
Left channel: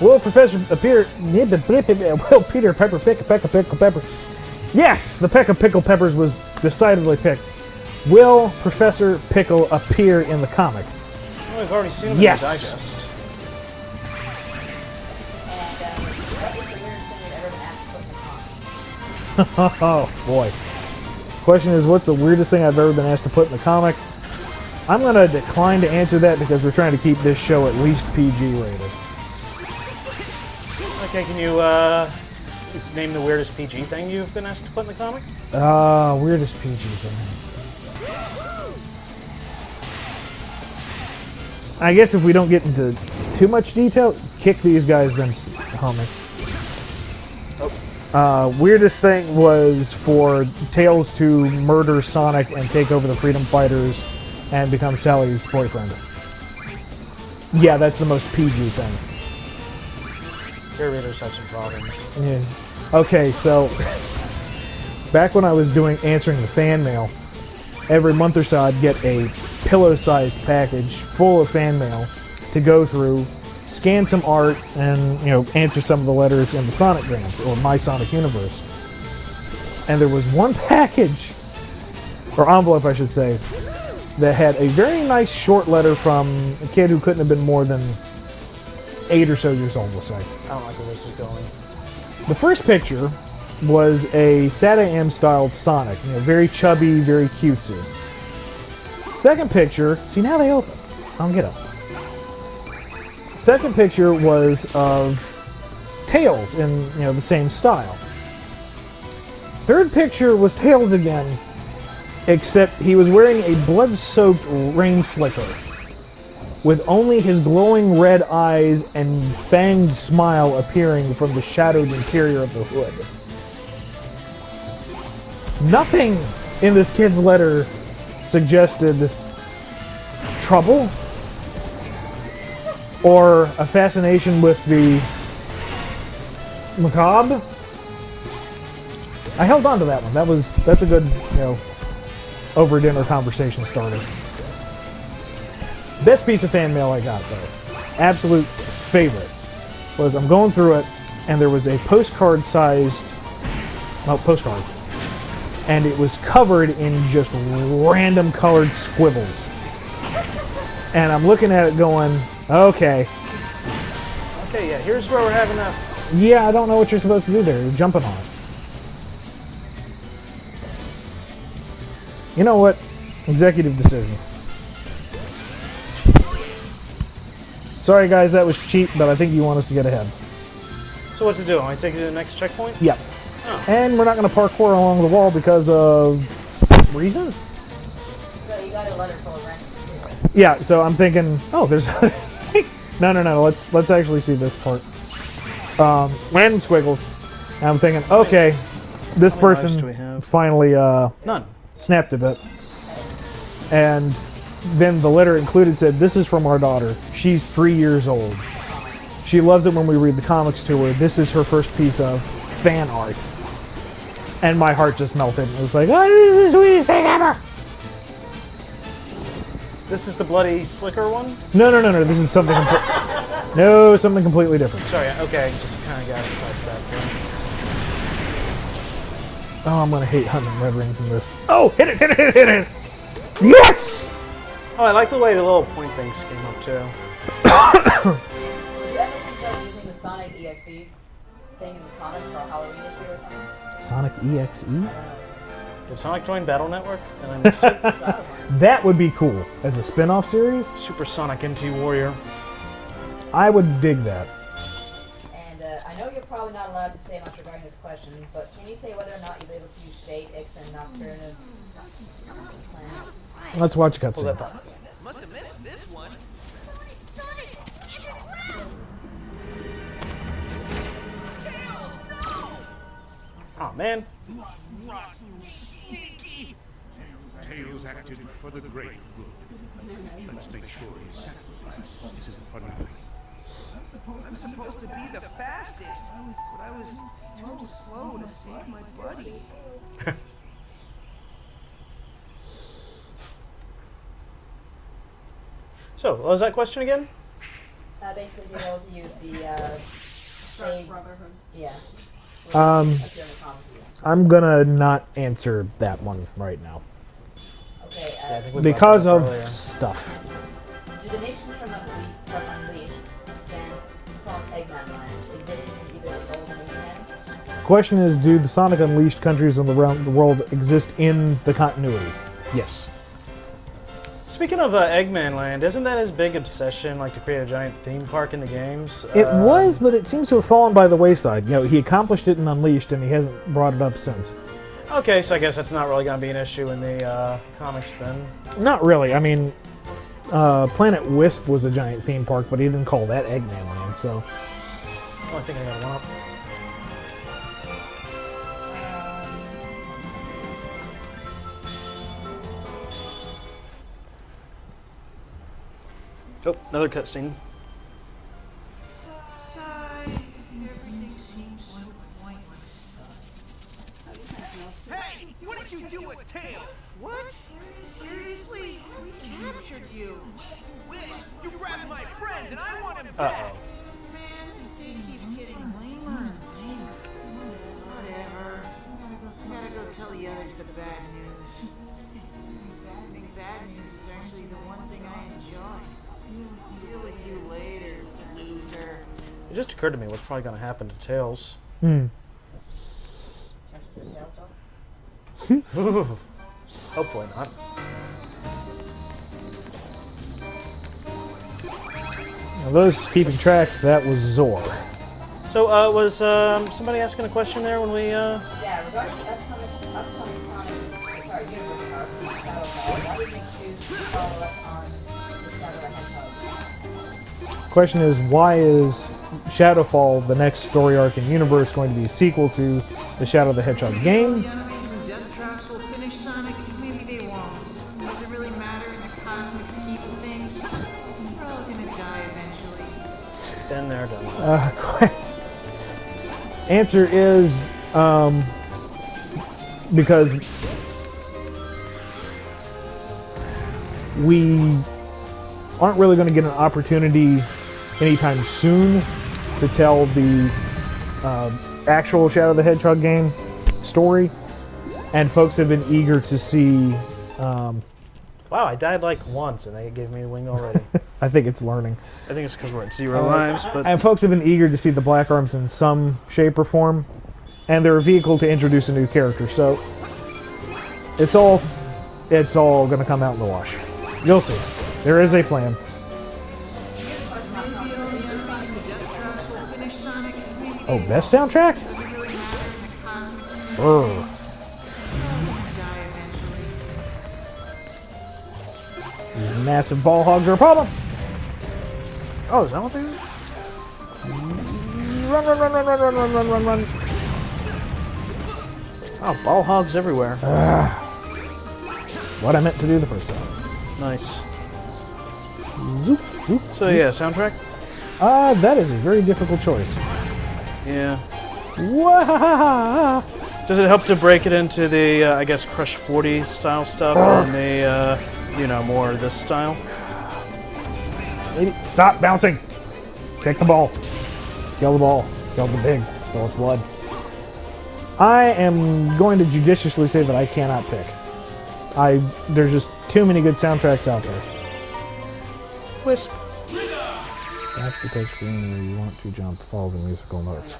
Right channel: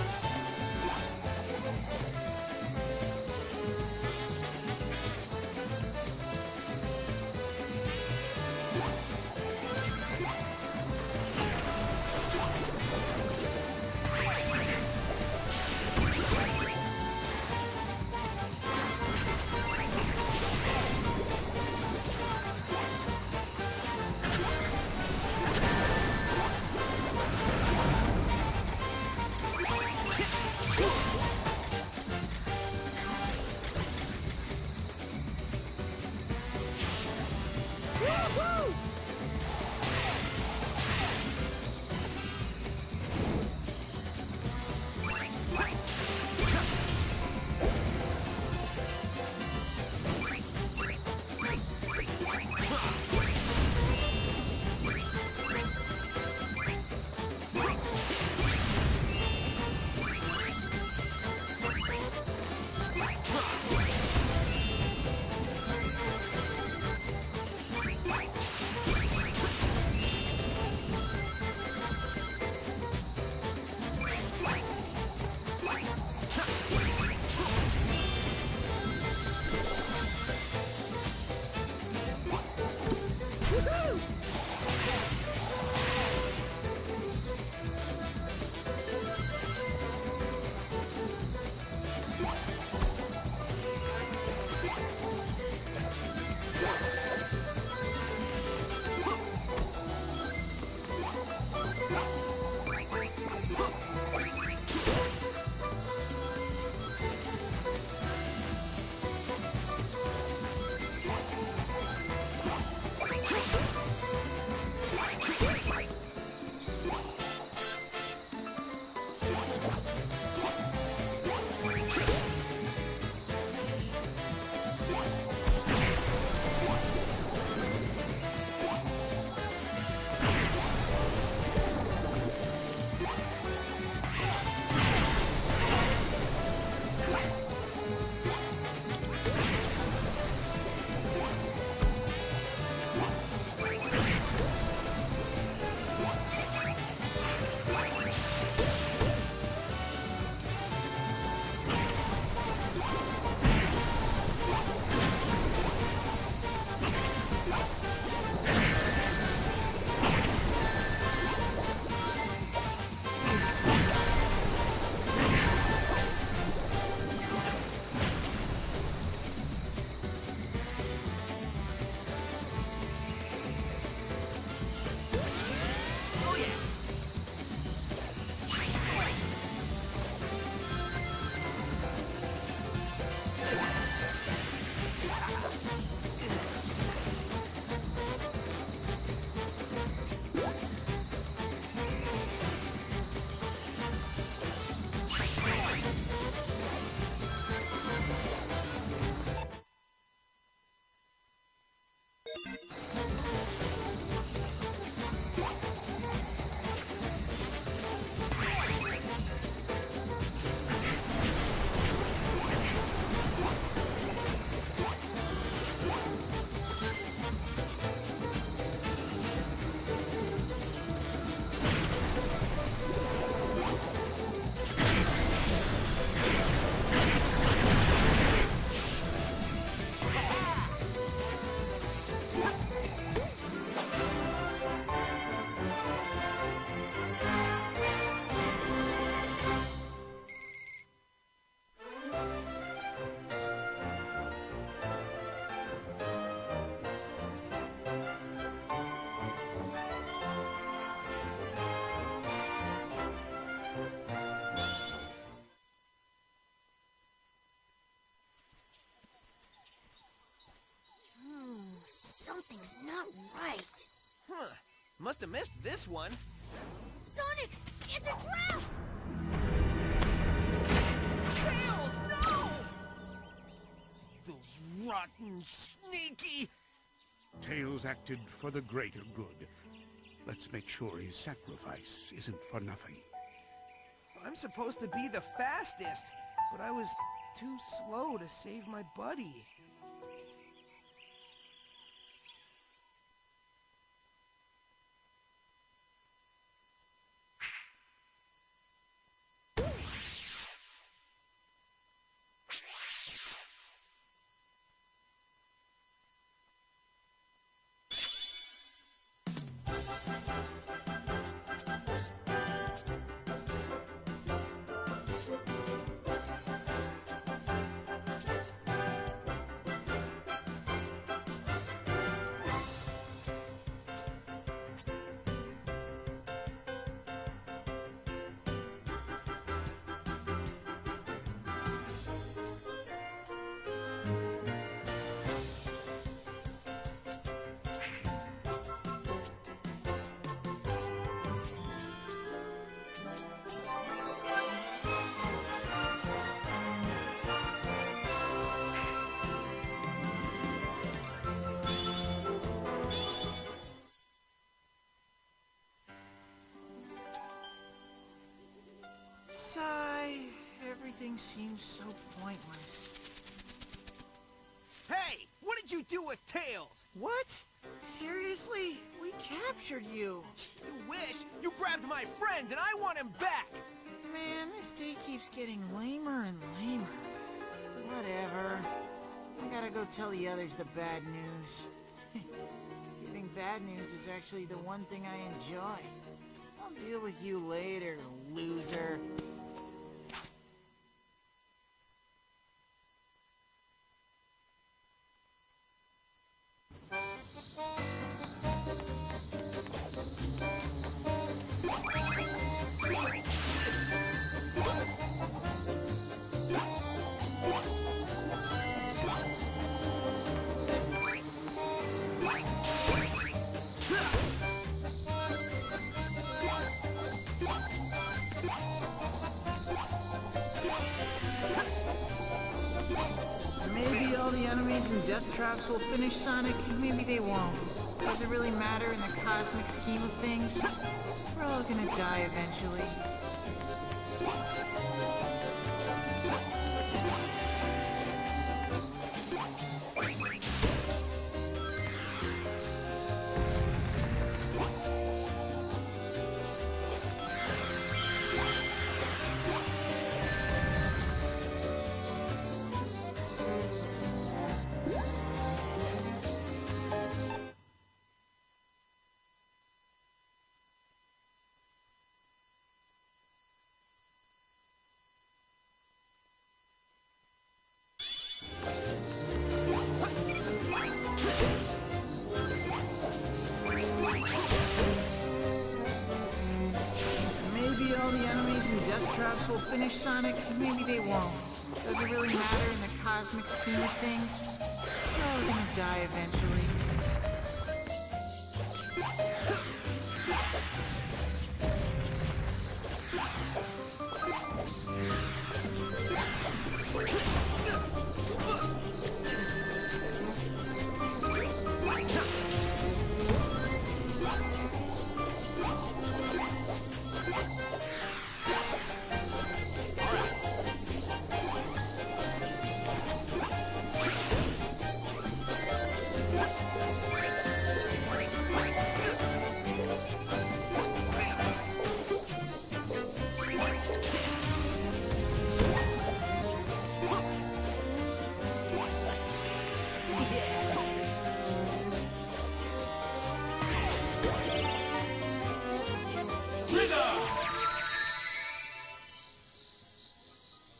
Will Professor appear... Will Peter Pepper pick Pickle Pepper? Yes! The Peck of Pickle Peppers was decidedly picked. Will Professor Pickle appear in the comic? Well, we've already seen the Yes. digest. Oh boy. Question is, what's the weirdest thing I've ever been asked to put in the comic? I'm going to decline to answer that because we're trying to keep this show at least PG rated. Okay, can you just name the weirdest PG thing you've been asked to put in the comic? Weirdest PG thing. I guess if we don't get into too much detail, kick these guys, then homie. Weirdest thing was for Tails to murder Sonic and take over the Freedom Fighters and become Sally's boyfriend. Yeah, that's the most PG thing. Curators have some problems. Yeah. Okay, so back when I was answering the fan mail, every month or so I'd get a pillow-sized package full of fan mail to go through, scan some art, and answer some of the letters in the Sonic games, or My Sonic Universe. And there was one package, or envelope I should say, that had a very nice short letter from a kid who couldn't have been more than 8 or so years old, we'll say. I don't like where this is going. The first picture was a SatAM styled Sonic, you know, very chubby, very cutesy. Second picture, see now they open. I'll get it. Second picture was of Tails in, you know, the same style. Third picture was Tails again, except he was wearing a blood-soaked rain slicker with only his glowing red eyes and fanged smile appearing from the shadowed interior of the hood. Nothing in this kid's letter suggested trouble or a fascination with the macabre. I held on to that one. That's a good, you know, over dinner conversation starter. Best piece of fan mail I got, though, absolute favorite, was I'm going through it, and there was a postcard-sized, postcard, and it was covered in just random colored squibbles. And I'm looking at it going, okay. Okay, yeah, here's where we're having a... Yeah, I don't know what you're supposed to do there. You're jumping on it. You know what? Executive decision. Sorry guys, that was cheap, but I think you want us to get ahead. So what's it do? I take you to the next checkpoint? Yep. And we're not going to parkour along the wall because of reasons? So you got a letter full of random. Yeah, so I'm thinking, oh, there's... No, let's actually see this part. Random squiggles. And I'm thinking, okay, this How many lives do person we have? finally None. snapped a bit. And then the letter included said, this is from our daughter. She's 3 years old. She loves it when we read the comics to her. This is her first piece of fan art. And my heart just melted. It was like, oh, this is the sweetest thing ever! This is the bloody slicker one? No, this is something something completely different. Sorry, okay. Just kind of got it. Oh, I'm gonna hate hunting red rings in this. Oh, hit it! Yes! Oh, I like the way the little point things spin up too. Using the Sonic EXE thing in the comics for Halloween issue or something. Sonic EXE? Did Sonic join Battle Network? And I missed it? That would be cool. As a spin-off series, Super Sonic NT Warrior. I would dig that. And I know you're probably not allowed to say much regarding this question, but can you say whether or not you're able to use Shade, Ix, and Nocturne? Something's not right. Let's watch a Pull cutscene. that up. Must have missed this one. Sonic, enter trap! Tails, no! Oh man. Rotten, sneaky! Tails acted for the greater good. Let's make sure his sacrifice isn't for nothing. I'm supposed to be the fastest, but I was too slow to save my buddy. So, what was that question again? Basically, you're able to use the Shade Brotherhood. Yeah. That's the only comic you use. I'm gonna not answer that one right now. Okay, Yeah, I think we Because brought of that up earlier. stuff. do the nations from Unleashed and Sonic Eggman Land exist in either Soul or Eggman? Question is, do the Sonic Unleashed countries on the world exist in the continuity? Yes. Speaking of Eggman Land, isn't that his big obsession, like to create a giant theme park in the games? It was, but it seems to have fallen by the wayside. You know, he accomplished it in Unleashed, and he hasn't brought it up since. Okay, so I guess that's not really going to be an issue in the comics then. Not really. I mean, Planet Wisp was a giant theme park, but he didn't call that Eggman Land, so... Oh, I think I got one up. Oh, another cutscene. Sigh. Everything seems so pointless. Hey! What did you do with Tails? What? Seriously? We captured you. You wish. You grabbed my friend and I want him back. Man, this day keeps getting lamer and lamer. Whatever. I gotta go tell the others the bad news. Giving bad news is actually the one thing I enjoy. I'll deal with you later, loser. It just occurred to me what's probably going to happen to Tails. Hmm. Hopefully not. Now, those keeping track, that was Zor. So, was somebody asking a question there when we? Yeah, regarding that's Sonic, sorry, Universe. Question is, why is Shadowfall, the next story arc in universe, going to be a sequel to the Shadow the Hedgehog Maybe all game? the enemies and death traps will finish Sonic. Maybe they won't. Does it really matter in the cosmic scheme of things? We're all gonna die eventually. Been there, done that. Answer is because we aren't really going to get an opportunity anytime soon to tell the actual Shadow the Hedgehog game story, and folks have been eager to see. Wow, I died like once, and they gave me a wing already. I think it's learning. I think it's because we're at 0 lives, but And folks have been eager to see the Black Arms in some shape or form, and they're a vehicle to introduce a new character. So it's all going to come out in the wash. You'll see. There is a plan. Maybe all the enemies and death traps will finish Sonic. Maybe they Oh, won't. best soundtrack? Does it really matter in the cosmic scheme Oh. of things? We're all gonna die eventually. These massive ball hogs are a problem. oh, is that what they are? Run, run, run, run, run, run, run, run, run, run. Oh, ball hogs everywhere. What I meant to do the first time. Nice. Zoop, zoop. So yeah, soundtrack. That is a very difficult choice. Yeah. Wah-ha-ha-ha. Does it help to break it into the, I guess, Crush 40 style stuff, and the, more this style? Lady, stop bouncing. Take the ball. Kill the ball. Kill the pig. Kill its blood. I am going to judiciously say that I cannot pick. There's just too many good soundtracks out there. Wisp. That's the touch screen where you want to jump, follow the musical notes.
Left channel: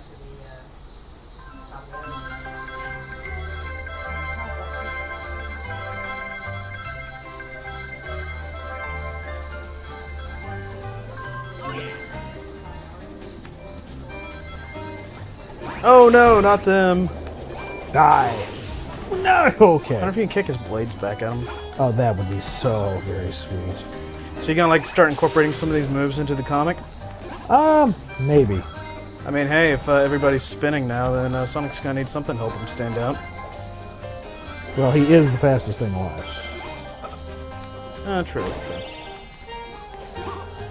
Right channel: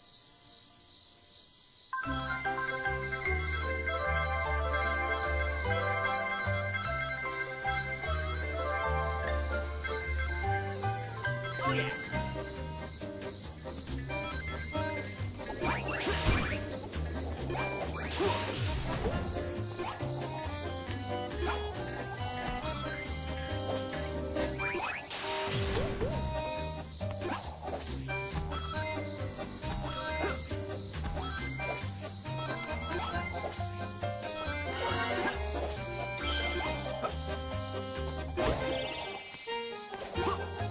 Oh no, not them. Die. No. I Okay. wonder if you can kick his blades back at him. Oh, that would be so very sweet. So you're gonna like start incorporating some of these moves into the comic? Maybe. I mean, hey, if everybody's spinning now, then Sonic's gonna need something to help him stand out. Well, he is the fastest thing alive. True.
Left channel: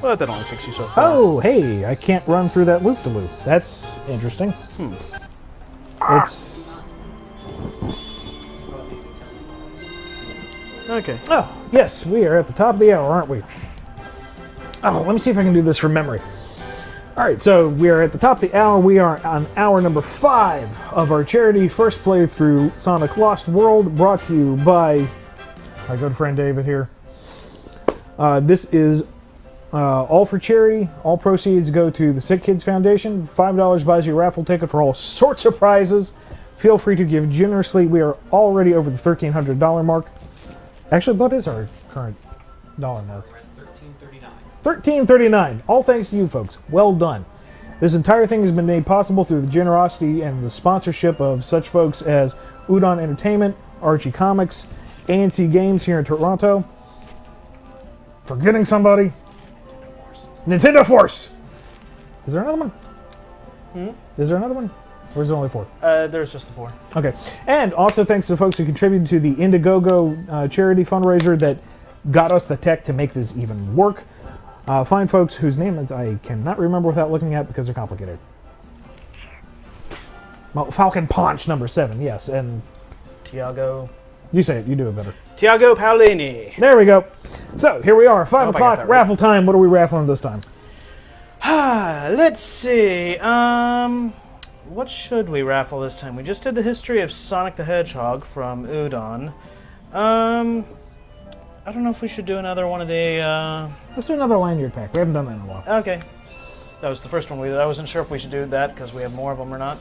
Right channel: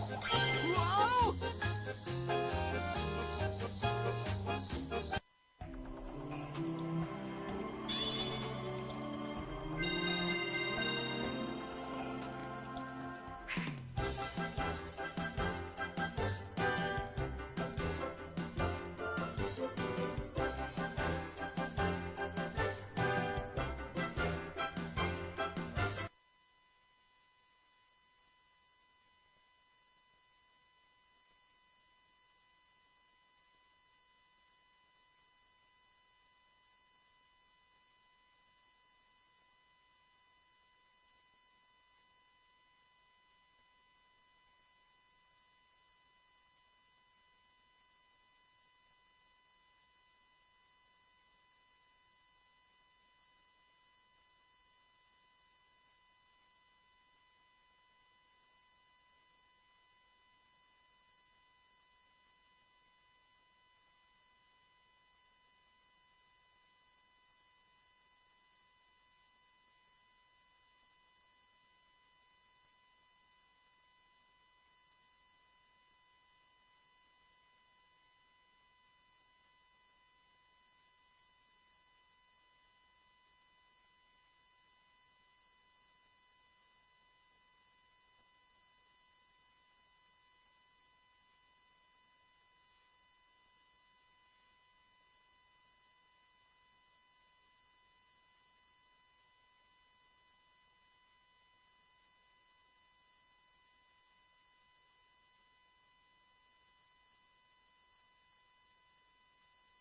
But that only takes you so far. Oh, hey, I can't run through that loop-de-loop. That's interesting. It's... Okay. Oh, yes, we are at the top of the hour, aren't we? Oh, let me see if I can do this from memory. All right, so we are at the top of the hour. We are on hour number 5 of our charity first playthrough Sonic Lost World, brought to you by my good friend David here. This is all for charity. All proceeds go to the Sick Kids Foundation. $5 buys you a raffle ticket for all sorts of prizes. Feel free to give generously. We are already over the $1,300 mark. Actually, what is our current dollar mark? $13.39. All thanks to you folks. Well done. This entire thing has been made possible through the generosity and the sponsorship of such folks as Udon Entertainment, Archie Comics, ANC Games here in Toronto. Forgetting somebody? Nintendo Force! Is there another one? Is there another one? Or is there only 4? There's just the 4. Okay. And also thanks to the folks who contributed to the Indiegogo charity fundraiser that got us the tech to make this even work. Fine folks whose names I cannot remember without looking at because they're complicated. Well, Falcon Punch number 7, yes. And Tiago. you say it, you do it better. Tiago Paolini. There we go. So, here we are, 5 hope I got o'clock, that right. raffle time. What are we raffling this time? Let's see. What should we raffle this time? We just did the history of Sonic the Hedgehog from Udon. I don't know if we should do another one of the, Let's do another lanyard pack. We haven't done that in a while. Okay. That was the first one we did. I wasn't sure if we should do that because we have more of them or not.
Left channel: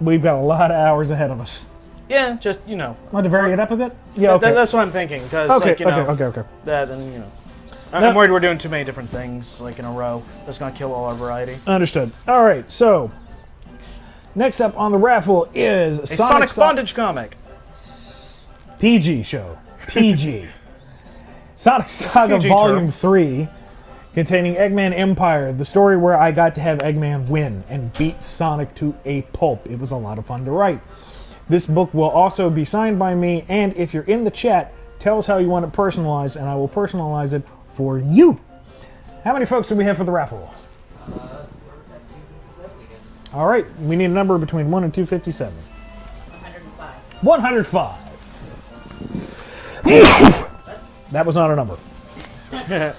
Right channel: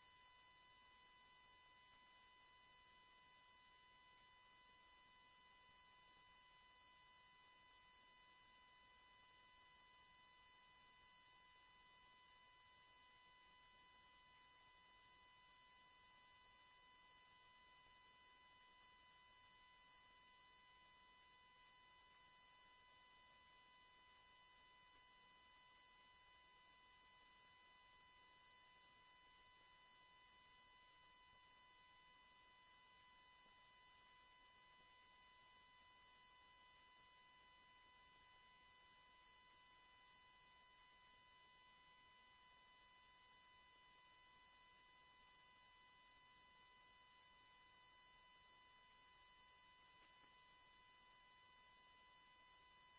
We've got a lot of hours ahead of us. Yeah, just, you know. Want to vary it up a bit? Yeah, okay. That's what I'm thinking. Because, Okay, like, you know, okay. that and, you know. No. I'm worried we're doing too many different things, like, in a row. That's going to kill all our variety. Understood. All right, so next up on the raffle is A Sonic Bondage comic. PG show. PG. Sonic Saga PG Volume term. 3, containing Eggman Empire, the story where I got to have Eggman win and beat Sonic to a pulp. It was a lot of fun to write. This book will also be signed by me, and if you're in the chat, tell us how you want it personalized, and I will personalize it for you. How many folks do we have for the raffle? All right, we need a number between 1 and 257. 105. 105. That was not a number. It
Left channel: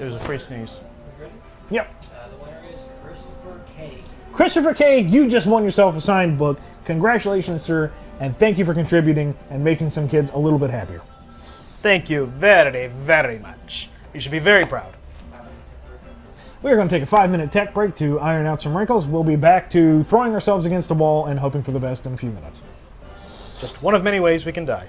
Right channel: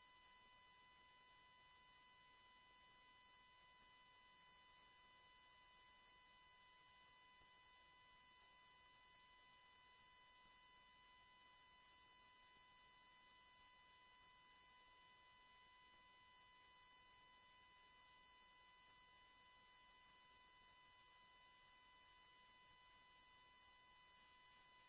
was a free sneeze. Yep. The winner is Christopher K. Christopher K., you just won yourself a signed book. Congratulations, sir, and thank you for contributing and making some kids a little bit happier. Thank you very, very much. You should be very proud. We're going to take a 5-minute tech break to iron out some wrinkles. We'll be back to throwing ourselves against the wall and hoping for the best in a few minutes. Just one of many ways we can die.